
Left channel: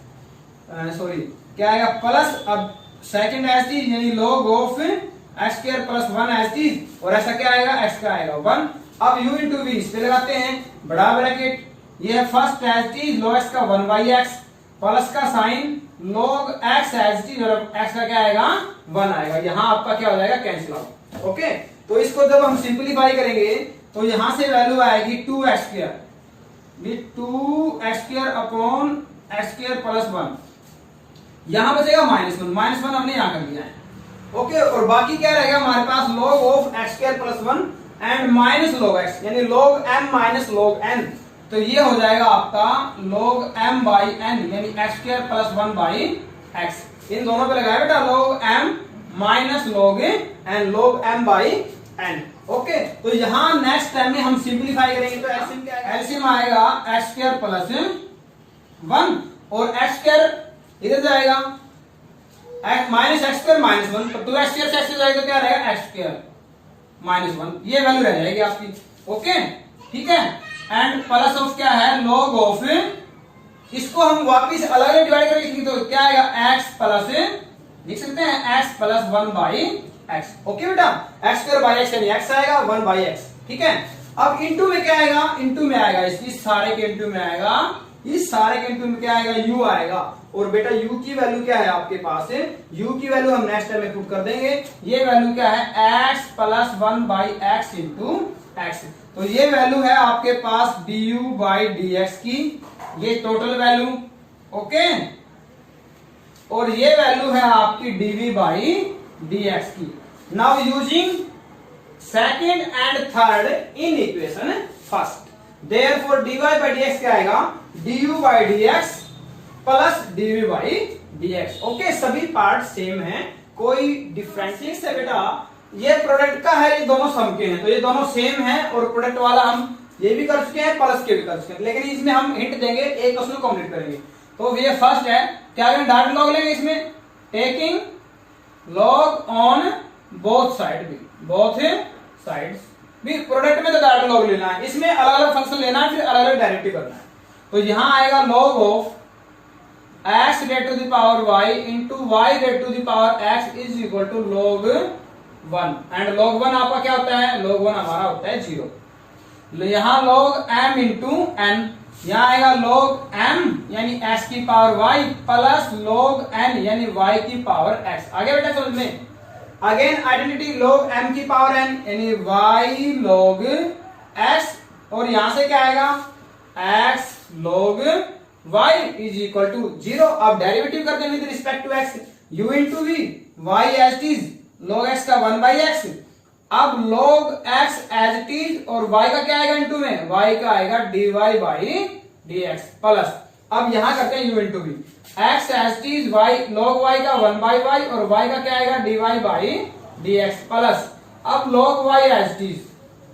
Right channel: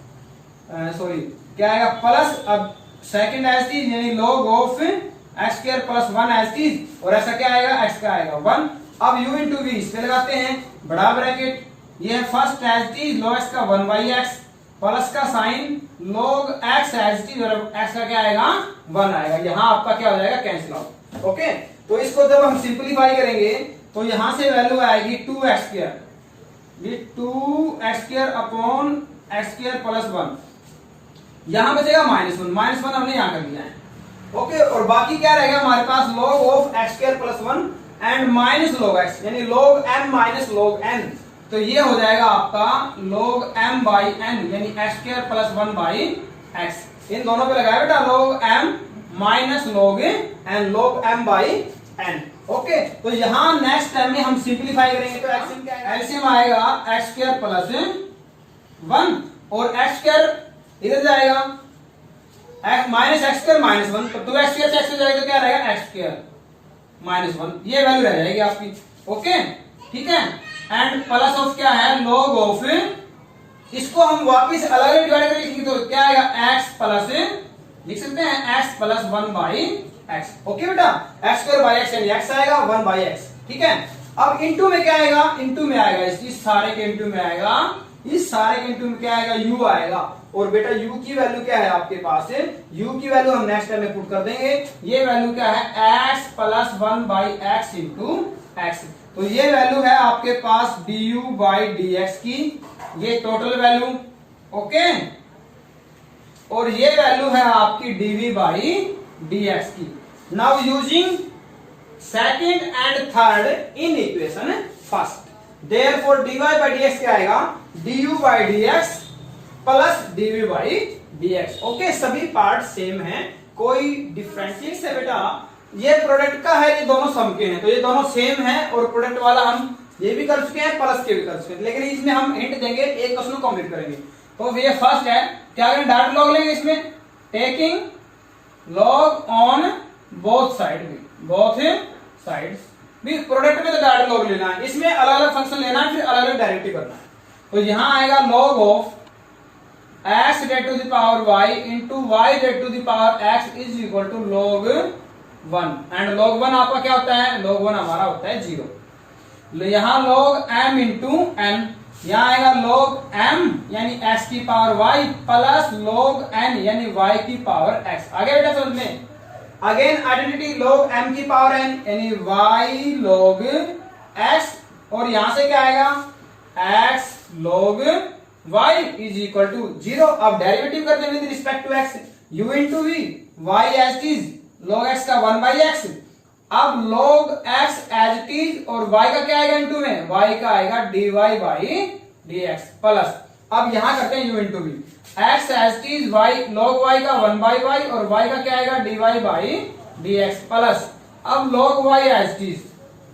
सॉरी क्या आएगा प्लस, अब सेकेंड एज टी यानी log of x square plus 1 as it, और ऐसा क्या आएगा x का आएगा 1। अब u इंटू v इस पे लगाते हैं, बड़ा ब्रैकेट, ये है first as it log x का 1 बाई एक्स, प्लस का sign log x as it, और x का क्या आएगा 1 आएगा, यहाँ आपका क्या हो जाएगा कैंसिल आउट। ओके, तो इसको जब हम सिंप्लीफाई करेंगे तो यहां से वैल्यू आएगी 2x स्क्वायर, ये 2x square upon x square plus 1, यहां बचेगा -1, -1 हमने यहां कर लिया है। ओके, और बाकी क्या रहेगा हमारे पास log of x square plus 1 and minus log x, यानी log m minus log n। तो ये हो जाएगा आपका log m बाई n, यानी x square plus 1 by x। इन दोनों पे लगाया बेटा log m minus log n, log m by n। Okay, तो यहाँ नेक्स्ट टाइम में हम सिंप्लीफाई करेंगे तो एलसीएम आएगा x स्क्वायर प्लस 1 और x स्क्वायर इधर जाएगा माइनस एक्स स्क्वायर माइनस 1, तो 2x स्क्वायर से x हो जाएगा तो क्या रहेगा x स्क्वायर माइनस 1, ये वैल्यू रह जाएगी आपकी। ओके, ठीक है, एंड प्लस ऑफ क्या है log ऑफ, इसको हम वापिस अलग अलग डिवाइड करके लिखेंगे तो क्या आएगा x प्लस, लिख सकते हैं x plus 1 by x। Okay बेटा, x स्क्वायर बाई x यानी x आएगा 1 बाई x। ठीक है, अब इनटू में क्या आएगा, इनटू में आएगा इस सारे के इनटू में आएगा, इस सारे के इनटू में क्या आएगा u आएगा। और बेटा u की वैल्यू क्या है आपके पास है, u की वैल्यू हम नेक्स्ट टाइम में पुट कर देंगे। ये वैल्यू क्या है x plus 1 by x into x। तो ये वैल्यू है आपके पास du बाई dx की, ये टोटल वैल्यू। ओके, और ये वैल्यू है आपकी dv बाई dx की। Now using second and third in equation first, therefore dy by dx क्या आएगा, du by dx plus dv by dx। Okay, सभी पार्ट सेम है, कोई डिफरेंस है बेटा। ये प्रोडक्ट का है, ये दोनों सम के हैं, तो ये दोनों सेम है। और प्रोडक्ट वाला हम ये भी कर चुके हैं, प्लस के भी कर चुके हैं, लेकिन इसमें हम हिंट देंगे, एक क्वेश्चन कंप्लीट करेंगे। तो ये फर्स्ट है, क्या करें, डायरेक्ट लॉग लेंगे इसमें, taking log on both side भी, बोथ साइड्स भी। प्रोडक्ट में तो डायरेक्ट लॉग लेना है, इसमें अलग अलग फंक्शन लेना है, फिर अलग अलग डेरिवेटिव करना है। तो यहां आएगा log of x raised to the power y into y raised to the power x is equal to log 1, and log 1 आपका क्या होता है, log 1 हमारा होता है 0। यहाँ log m इंटू n, यहाँ आएगा log m यानी x की power y plus log n यानी y की पावर x। आगे बेटा समझ में, अगेन आइडेंटिटी log m की पावर n यानी y log x, और यहां से क्या आएगा x log y is equal to 0। अब डेरिवेटिव करते हैं with respect to x, u into v, y as it is, log x का 1 बाई x। अब log x as it is और y का क्या आएगा इंटू में, y का आएगा dy बाई dx प्लस, अब यहां करते हैं u into v, x as it is, y log y का 1 बाई y और y का क्या आएगा dy बाई dx प्लस, अब log y as it is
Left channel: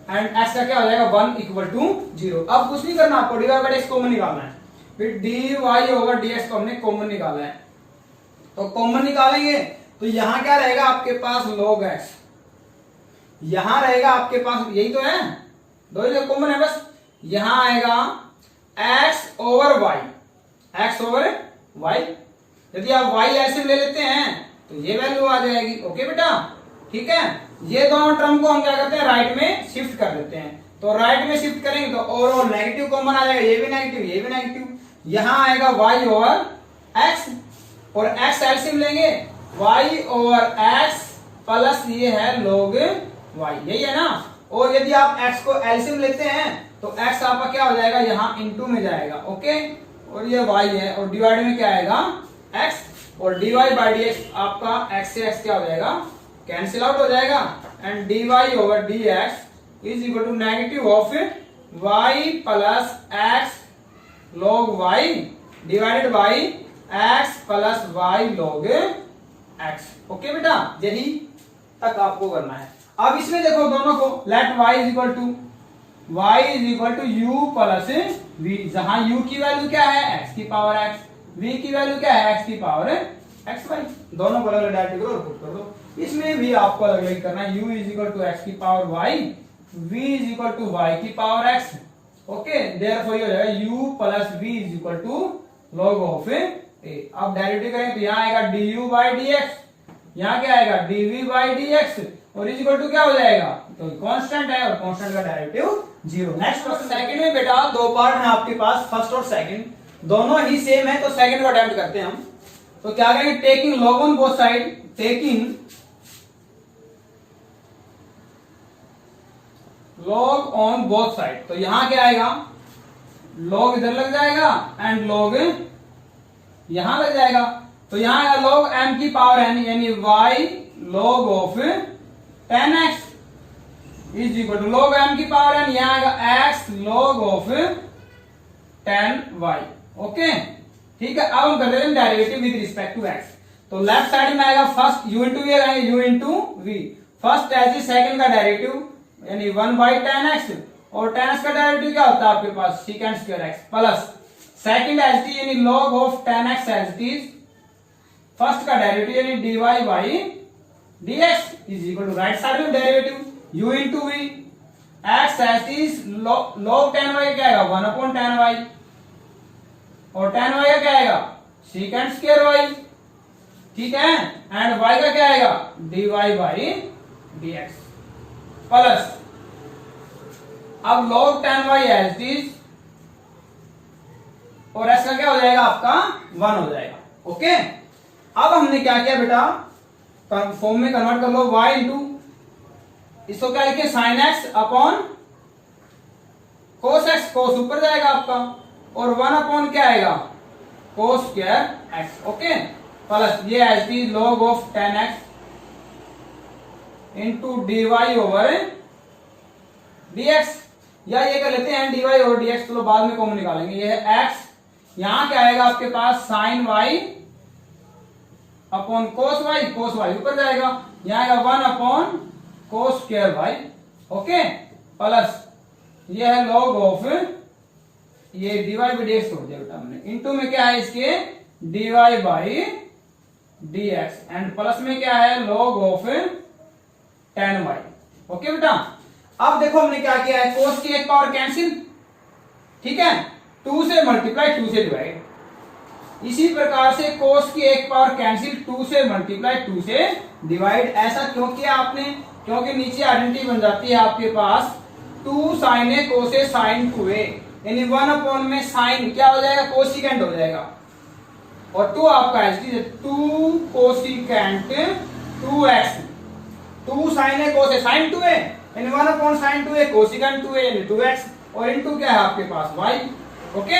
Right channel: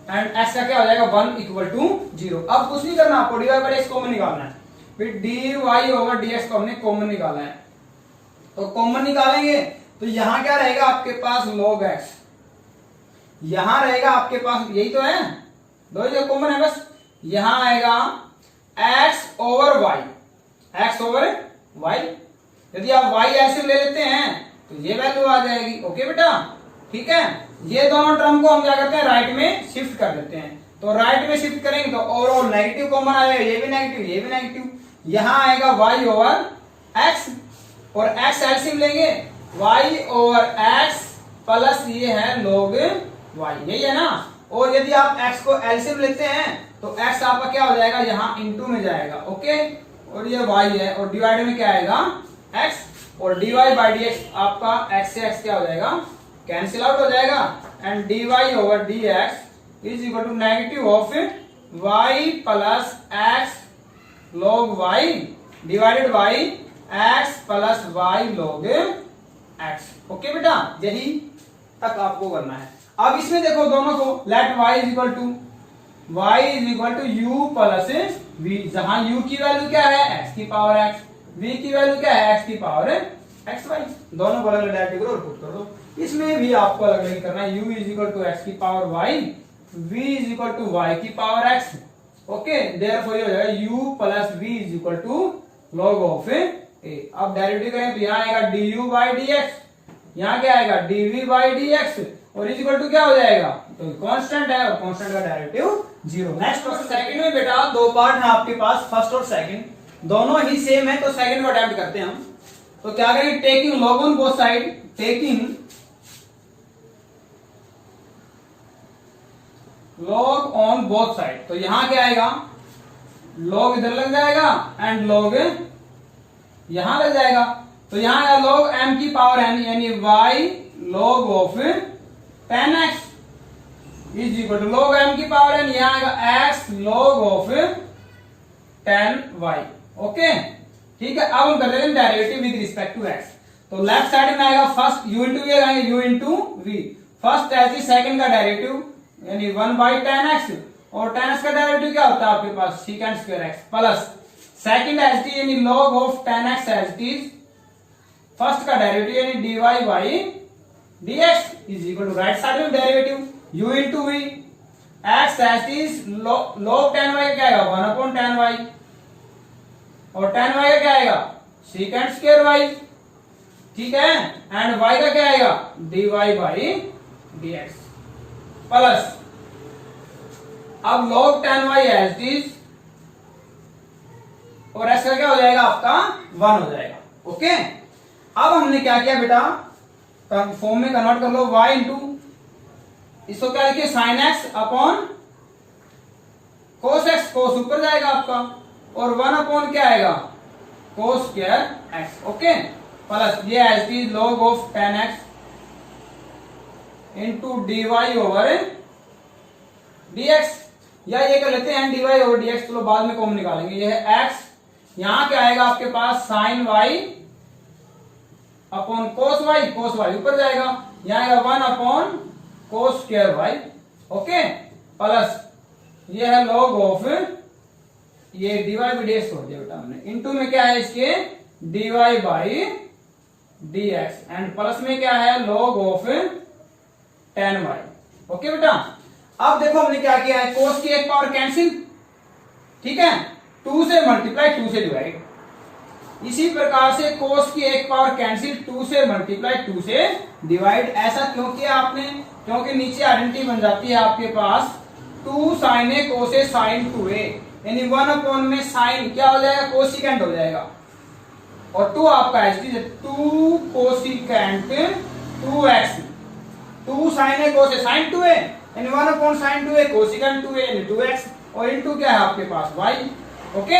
and x का क्या हो जाएगा 1 इक्वल टू 0। अब कुछ नहीं करना आपको, dy बाई dx कॉमन निकालना है, फिर dy ओवर dx को हमने कॉमन निकाला है। तो कॉमन निकालेंगे तो यहां क्या रहेगा आपके पास log x, यहां रहेगा आपके पास, यही तो है, दो ही कॉमन है बस। यहां आएगा x over y, x over y। यदि आप y ऐसे ले लेते हैं तो ये वैल्यू आ जाएगी। ओके बेटा, ठीक है, ये दोनों टर्म को हम क्या करते हैं, राइट में शिफ्ट कर देते हैं। तो राइट में शिफ्ट करेंगे तो और नेगेटिव कॉमन आ जाएगा, ये भी नेगेटिव, ये भी नेगेटिव। यहां आएगा y ओवर x और x एलसीएम लेंगे, y ओवर x प्लस ये है log y, यही है ना। और यदि आप x को एलसीएम लेते हैं तो x आपका क्या हो जाएगा, यहाँ इनटू में जाएगा। ओके, और ये y है और डिवाइड में क्या आएगा x, और dy बाई dx आपका x से x क्या हो जाएगा, कैंसिल आउट हो जाएगा, and dy over dx is equal to negative of y plus x log y divided by x plus y log x। Okay बेटा, यही तक आपको करना है। अब इसमें देखो दोनों को, let y is equal to u plus v, जहां u की वैल्यू क्या है x की पावर x, v की वैल्यू क्या है x की पावर xy। दोनों को अलग अलग डेरिवेटिव करो और पुट कर दो। इसमें भी आपको अलग अलग करना है, u is equal to x की power y, v is equal to y की पावर x। ओके, देयरफॉर ये हो जाएगा u plus v is equal to log of a। अब डेरिवेटिव करेंगे तो यहाँ आएगा du बाई dx, यहाँ क्या आएगा dv बाई dx, और इज इक्वल टू क्या हो जाएगा, तो कांस्टेंट है और कांस्टेंट का डेरिवेटिव 0। नेक्स्ट क्वेश्चन, सेकंड में बेटा दो पार्ट है आपके पास, फर्स्ट और सेकंड, दोनों ही सेम है, तो सेकंड को अटेम्प्ट करते हैं हम। तो क्या करेंगे, taking log on both side, taking log on both side, तो यहां क्या आएगा, log इधर लग जाएगा एंड log यहां लग जाएगा। तो यहाँ आएगा log m की पावर n यानी y log of 10x is equal to log m की पावर n, यहाँ आएगा x log of 10y। Okay ठीक है, अब हम कर रहे हैं derivative with respect to x। तो लेफ्ट साइड में आएगा फर्स्ट u इंटू वी आएगा u इंटू वी, फर्स्ट एच सेकंड का डेरिवेटिव यानी 1/10x और 10x का डेरिवेटिव क्या होता है आपके पास secant square x plus second H T यानी log of 10x H T first का डेरिवेटिव यानी dy by dx is equal to right side में derivative u into V x H T log 10y क्या आएगा 1/10y और 10y का क्या आएगा secant स्क्वायर y, ठीक है, एंड y का क्या आएगा dy बाई dx प्लस अब log 10y एज इट और x का क्या हो जाएगा आपका 1 हो जाएगा। ओके अब हमने क्या किया बेटा फॉर्म में कन्वर्ट कर लो y इंटू इसको क्या लिखे sine x upon cos x, cos ऊपर जाएगा आपका और 1 अपॉन क्या आएगा cos square x। Okay plus ये H D log of 10x into dy over dx, या ये कर लेते हैं dy ओवर dx, चलो बाद में कॉमन निकालेंगे। ये है x, यहां क्या आएगा आपके पास sine y upon cos y ऊपर जाएगा, यहां आएगा 1 upon cos square y। Okay plus ये है log ऑफ ये dy बाई dx छोड़ दिया बेटा हमने, इंटू में क्या है इसके dy by dx and plus में क्या है log ऑफ 10y। ओके बेटा अब देखो हमने क्या किया है कोस की एक पावर कैंसिल, ठीक है, 2 से मल्टीप्लाई 2 से डिवाइड, इसी प्रकार से कोस की एक पावर कैंसिल 2 से मल्टीप्लाई 2 से डिवाइड। ऐसा क्यों किया आपने, क्योंकि नीचे आइडेंटिटी बन जाती है आपके पास 2 sine A cos A sine 2a यानी 1 अपॉन में साइन क्या हो जाएगा कोसिकेंट हो जाएगा और 2 आपका H D 2 cosecant 2x, 2 sine A cos A sine 2a यानी 1 upon sine 2a cosecant 2a यानी 2x और इनटू क्या है आपके पास y। ओके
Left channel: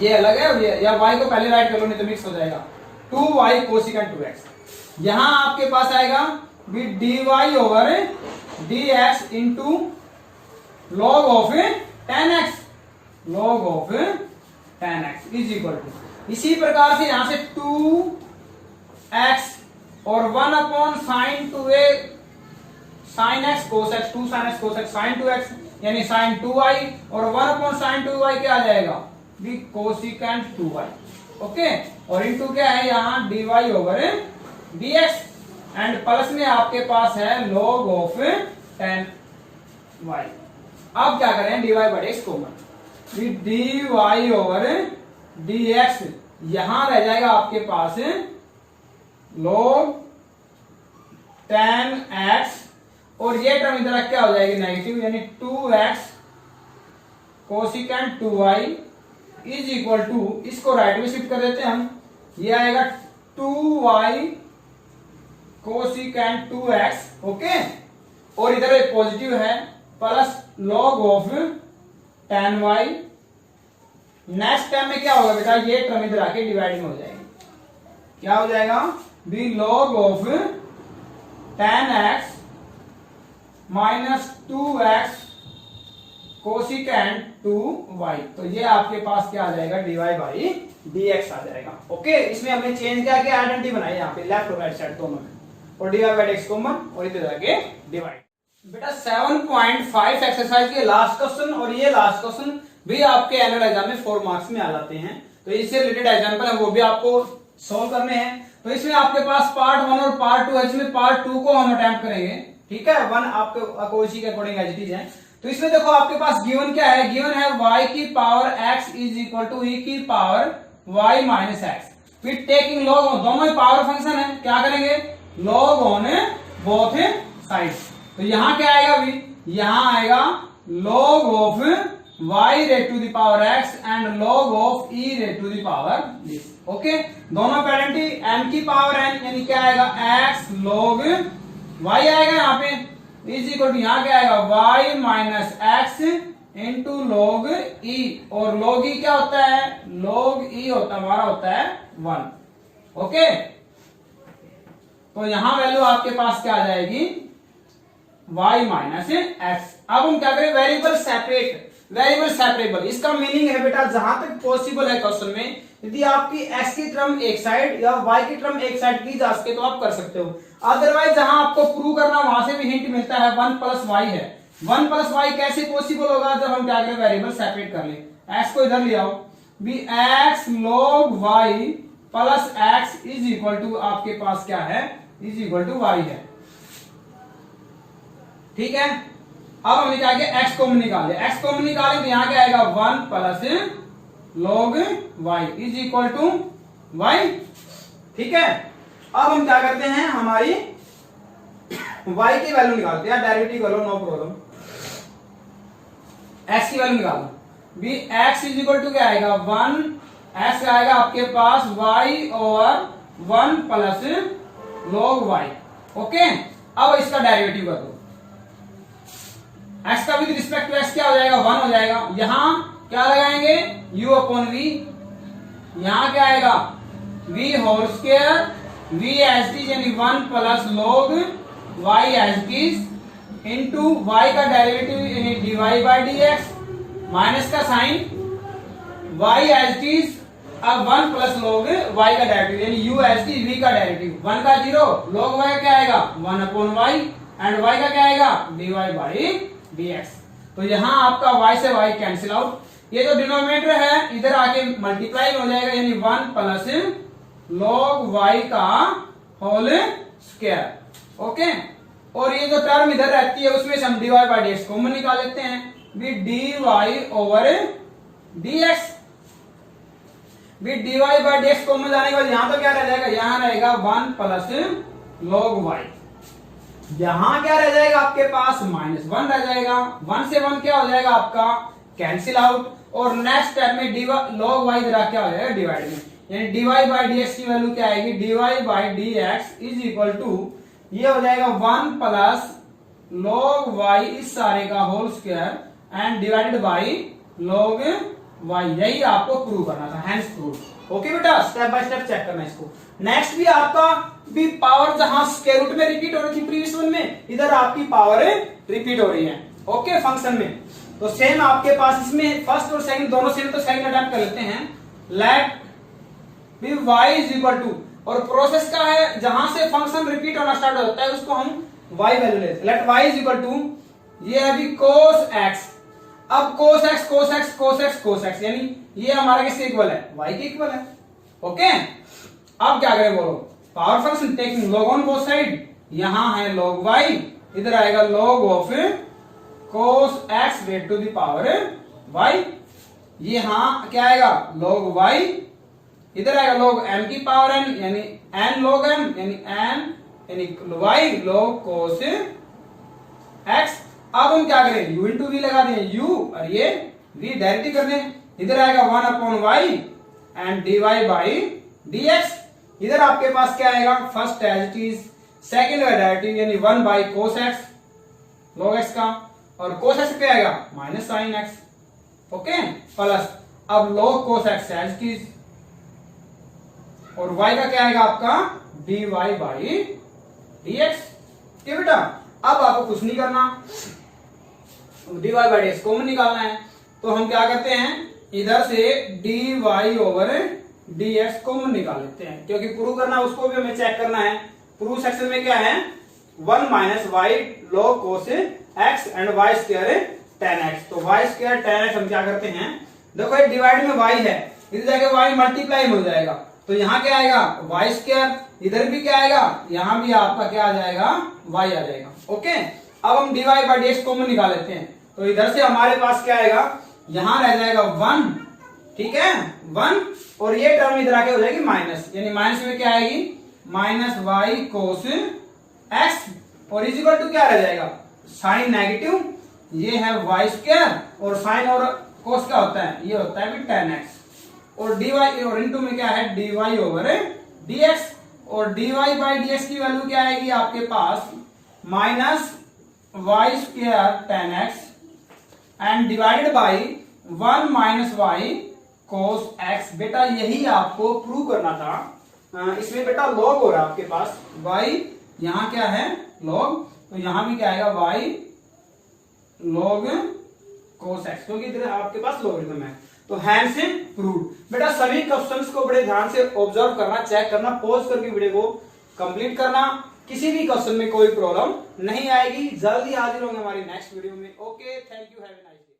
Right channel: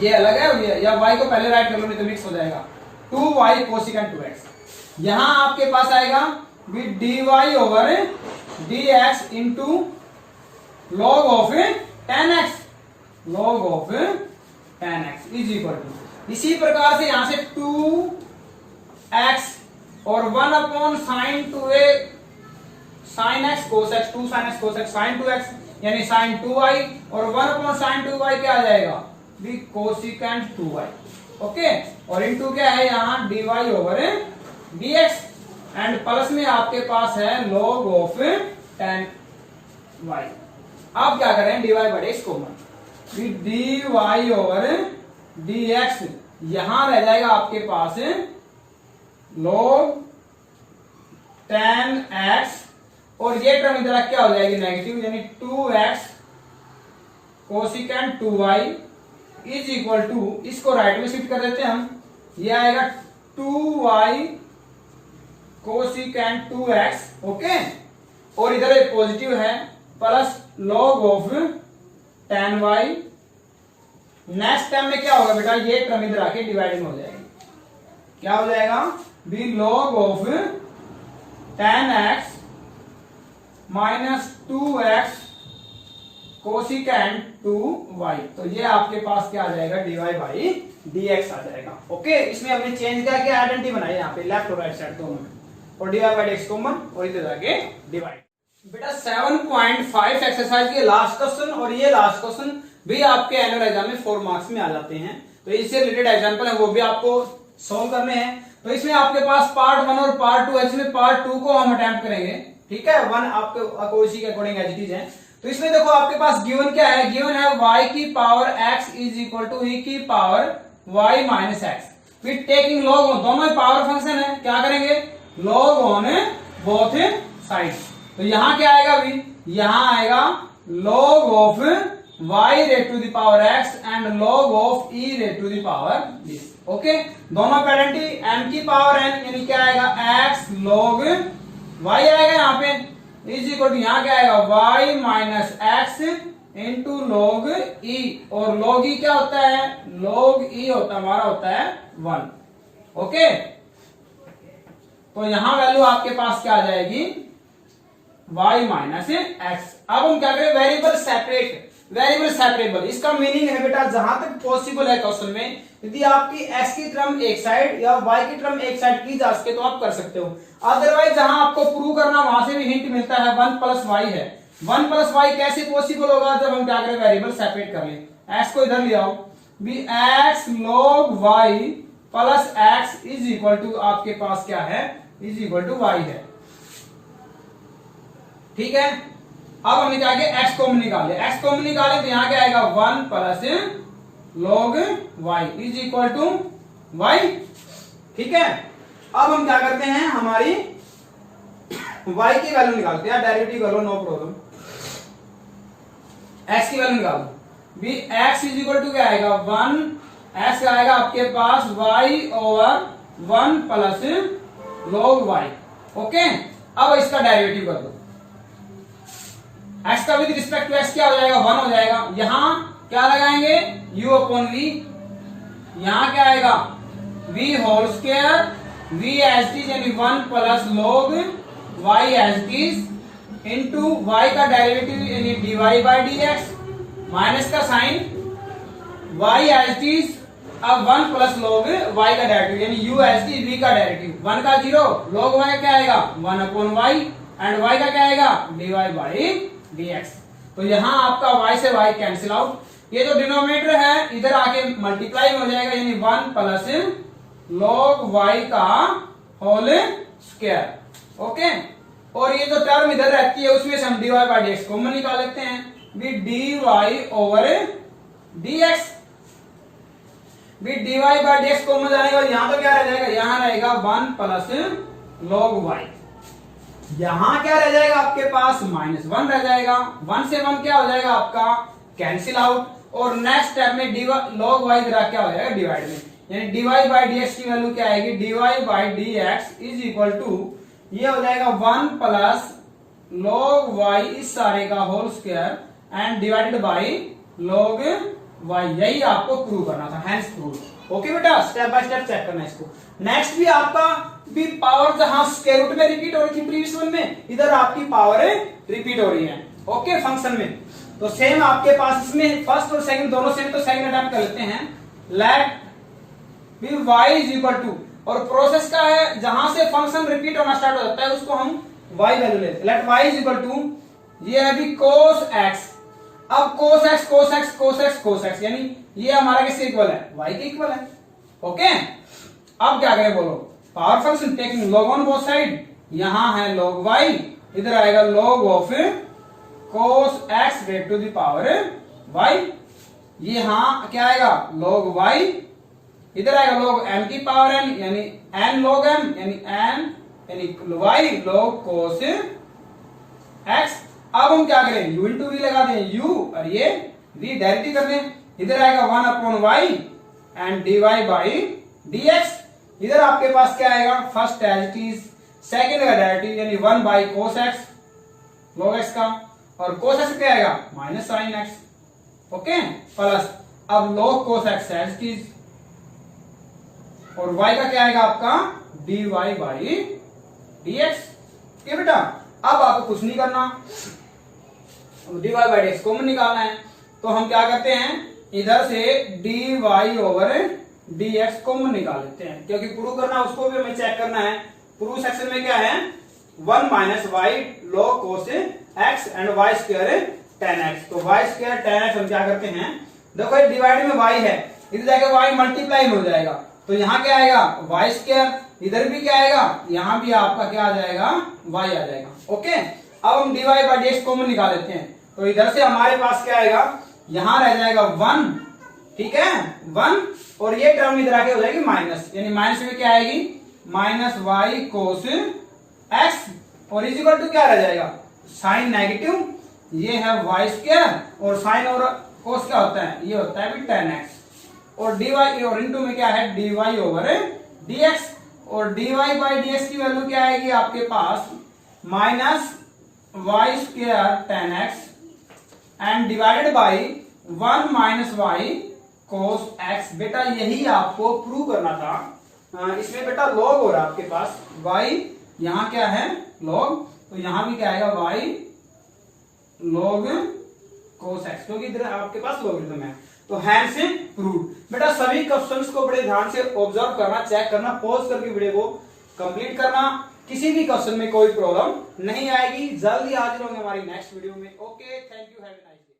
ये अलग है, या y को पहले राइट कर लो नहीं तो मिक्स हो जाएगा 2y कोसिकेंट 2x। यहां आपके पास आएगा with dy over dx into log of 10x is equal to, इसी प्रकार से यहां से 2x और 1 upon sine 2a sine x cos x, 2 sine x cos x sine 2x यानी साइन 2y और 1 अपॉन साइन 2y क्या आ जाएगा भी कोसिकेंट 2y। ओके और इनटू क्या है यहाँ dy over dx and plus में आपके पास है log ऑफ 10y। अब क्या करें dy by dx common, dy over dx यहां रह जाएगा आपके पास log 10x और ये टर्म इधर क्या हो जाएगी नेगेटिव यानी 2x cosecant 2y is equal to, इसको राइट में शिफ्ट कर देते हैं हम, ये आएगा 2y कोसिकेंट 2x। ओके और इधर एक पॉजिटिव है plus log of 10y। Next time में क्या होगा बेटा ये टर्म इधर आके डिवाइड में हो जाएगी, क्या हो जाएगा be log of 10x minus 2x cosecant 2y। तो ये आपके पास क्या आ जाएगा dy बाई dx आ जाएगा। ओके इसमें हमने चेंज क्या किया आइडेंटिटी बनाई यहाँ पे लेफ्ट और राइट साइड दोनों में और dy बाई dx कॉमन और इधर आके डिवाइड। बेटा 7.5 एक्सरसाइज के लास्ट क्वेश्चन और ये लास्ट क्वेश्चन भी आपके एनुअल एग्जाम में 4 मार्क्स में आ जाते हैं, तो इससे रिलेटेड एग्जांपल है वो भी आपको सॉल्व करने हैं। तो इसमें आपके पास पार्ट 1 और पार्ट 2 है, इसमें पार्ट 2 को हम अटेम्प्ट करेंगे, ठीक है, 1 आपके इसी के अकॉर्डिंग एज इट इज है। तो इसमें देखो आपके पास गिवन क्या है, गिवन है y की power x is equal to e की power y minus x with taking log on, दोनों ही पावर फंक्शन है, क्या करेंगे log ऑन बोथ साइड्स। तो यहां क्या आएगा भी, यहां आएगा log of y raised to the power x and log of e raised to the power this. Okay दोनों पेरेंटी m की पावर n यानी क्या आएगा x log y आएगा यहाँ पे इज इक्वल टू यहाँ क्या आएगा y minus x into log e और log e क्या होता है, log e होता है हमारा होता है 1। ओके, तो यहां वैल्यू आपके पास क्या आ जाएगी, y माइनस एक्स। अब हम क्या करें, वेरिएबल सेपरेट, वेरिएबल सेपरेबल। इसका मीनिंग है बेटा जहां तक पॉसिबल है क्वेश्चन में, यदि आपकी x की टर्म एक साइड या y की टर्म एक साइड की जा सके तो आप कर सकते हो। अदरवाइज जहां आपको प्रूव करना वहां से भी हिंट मिलता है 1 प्लस वाई है। 1 प्लस वाई कैसे पॉसिबल होगा, जब हम क्या करें वेरिएबल सेपरेट कर ले। x को इधर ले आओ, भी x log y plus x is equal to आपके पास क्या है, इज इक्वल टू y है। ठीक है, अब हमने क्या किया, x कॉमन निकाले, x कॉमन निकाले तो यहां क्या आएगा 1 plus log y is equal to y। ठीक है, अब हम क्या करते हैं, हमारी y की वैल्यू निकालते हैं, डेरिवेटिव करो नो प्रॉब्लम। x की वैल्यू निकालो, भी x इज इक्वल टू क्या आएगा 1, x आएगा आपके पास y over 1 plus log y। Okay, अब इसका डेरिवेटिव कर दो, x का विद रिस्पेक्ट टू x क्या हो जाएगा 1 हो जाएगा। यहां क्या लगाएंगे u अपॉन v, यहां क्या आएगा v whole square, v as it is यानी 1 plus log y as it is into y का डेरिवेटिव यानी dy बाई dx माइनस का sign y as it is, अब 1 प्लस log y का derivative यानी u as it is v का derivative, 1 का 0 log y क्या आएगा 1 अपॉन y एंड y का क्या आएगा dy बाई dx। तो यहां आपका y से y कैंसिल आउट, ये जो डिनोमिनेटर है इधर आके मल्टीप्लाई में हो जाएगा यानी 1 प्लस log y का होल स्क्वायर। ओके, और ये जो टर्म इधर रहती है उसमें से हम dy बाई dx कॉमन निकाल लेते हैं, भी dy ओवर dx, भी dy बाई dx कॉमन जाने के बाद यहां तो क्या रह जाएगा, यहां रहेगा 1 प्लस log y, यहां क्या रह जाएगा आपके पास -1 रह जाएगा, 1 से 1 क्या हो जाएगा आपका कैंसिल आउट, और नेक्स्ट स्टेप में log y जरा क्या हो जाएगा डिवाइड में, यानी dy बाई dx की वैल्यू क्या आएगी, dy by dx is equal to ये हो जाएगा 1 प्लस log y इस सारे का whole square and divided by log y। यही आपको प्रूव करना था, हैंस प्रूव। ओके बेटा, स्टेप बाय स्टेप चेक करना है इसको। नेक्स्ट भी आपका भी पावर जहां स्क्वायर रूट में रिपीट हो रही थी प्रीवियस वन में, इधर आपकी पावर रिपीट हो रही है। ओके, फंक्शन में तो सेम आपके पास इसमें फर्स्ट और सेकंड दोनों सेम, तो सेकंड अटेम्प्ट कर लेते हैं। लेट भी y इज इक्वल टू, और प्रोसेस क्या है, जहां से फंक्शन रिपीट होना स्टार्ट हो जाता है उसको हम y वैल्यू लेते हैं। Let y is equal to, ये है भी cos x, अब cos x cos x cos x cos x यानी ये हमारा किसके इक्वल है, y के इक्वल है। ओके, अब क्या करें बोलो, power function taking log on both side, यहां है log y, इधर आएगा log of cos x rate to the power y, ये यहां क्या आएगा log y, इधर आएगा log m की पावर n यानी n log m यानी n यानी y log cos x। अब हम क्या करें, u इंटू v लगा दें, u और ये v डायरेक्टली कर दें, इधर आएगा 1 upon y and dy by dx, इधर आपके पास क्या आएगा first as it is, second का डेरिवेटिव यानी 1 by cos x log x का, और cos x क्या आएगा minus sine x। Okay, plus अब log cos x as it is, और y का क्या आएगा आपका dy बाई dx। ठीक बेटा, अब आपको कुछ नहीं करना, dy बाई dx कॉमन निकालना है, तो हम क्या करते हैं इधर से dy ओवर dx कॉमन निकाल लेते हैं, क्योंकि प्रूव करना उसको भी हमें चेक करना है। प्रूव सेक्शन में क्या है 1 minus y log cos x and y square tan x, तो y स्क्वायर tan x हम क्या करते हैं, देखो ये डिवाइड में y है, इधर जाके y मल्टीप्लाई में हो जाएगा, तो यहाँ क्या आएगा y स्क्वायर, इधर भी क्या आएगा, यहाँ भी आपका क्या आ जाएगा y आ जाएगा। ओके, अब हम dy बाई dx कॉमन निकाल लेते हैं, तो इधर से हमारे पास क्या आएगा, यहां रह जाएगा 1, ठीक है 1, और ये टर्म इधर आके हो जाएगी माइनस, यानी माइनस में क्या आएगी माइनस y cos x, और इज इक्वल टू क्या रह जाएगा साइन नेगेटिव, ये है y स्क्वायर, और साइन और cos क्या होता है, ये होता है भी tan x, और dy और इनटू में क्या है dy ओवर dx, और dy बाई dx की वैल्यू क्या आएगी आपके पास minus y square tan x and divided by 1 minus y cos x। बेटा यही आपको प्रूव करना था इसमें बेटा लॉग हो रहा है आपके पास y, यहाँ क्या है log, तो यहाँ भी क्या आएगा y log cos x, क्योंकि इधर आपके पास लॉगरिथम है। तो हैंस प्रूव। बेटा सभी क्वेश्चंस को बड़े ध्यान से ऑब्जर्व करना, चेक करना, पॉज करके वीडियो को कंप्लीट करना। किसी भी क्वेश्चन में कोई प्रॉब्लम नहीं आएगी। जल्दी हाजिर होंगे हमारी नेक्स्ट वीडियो में। Okay, thank you, have a nice day.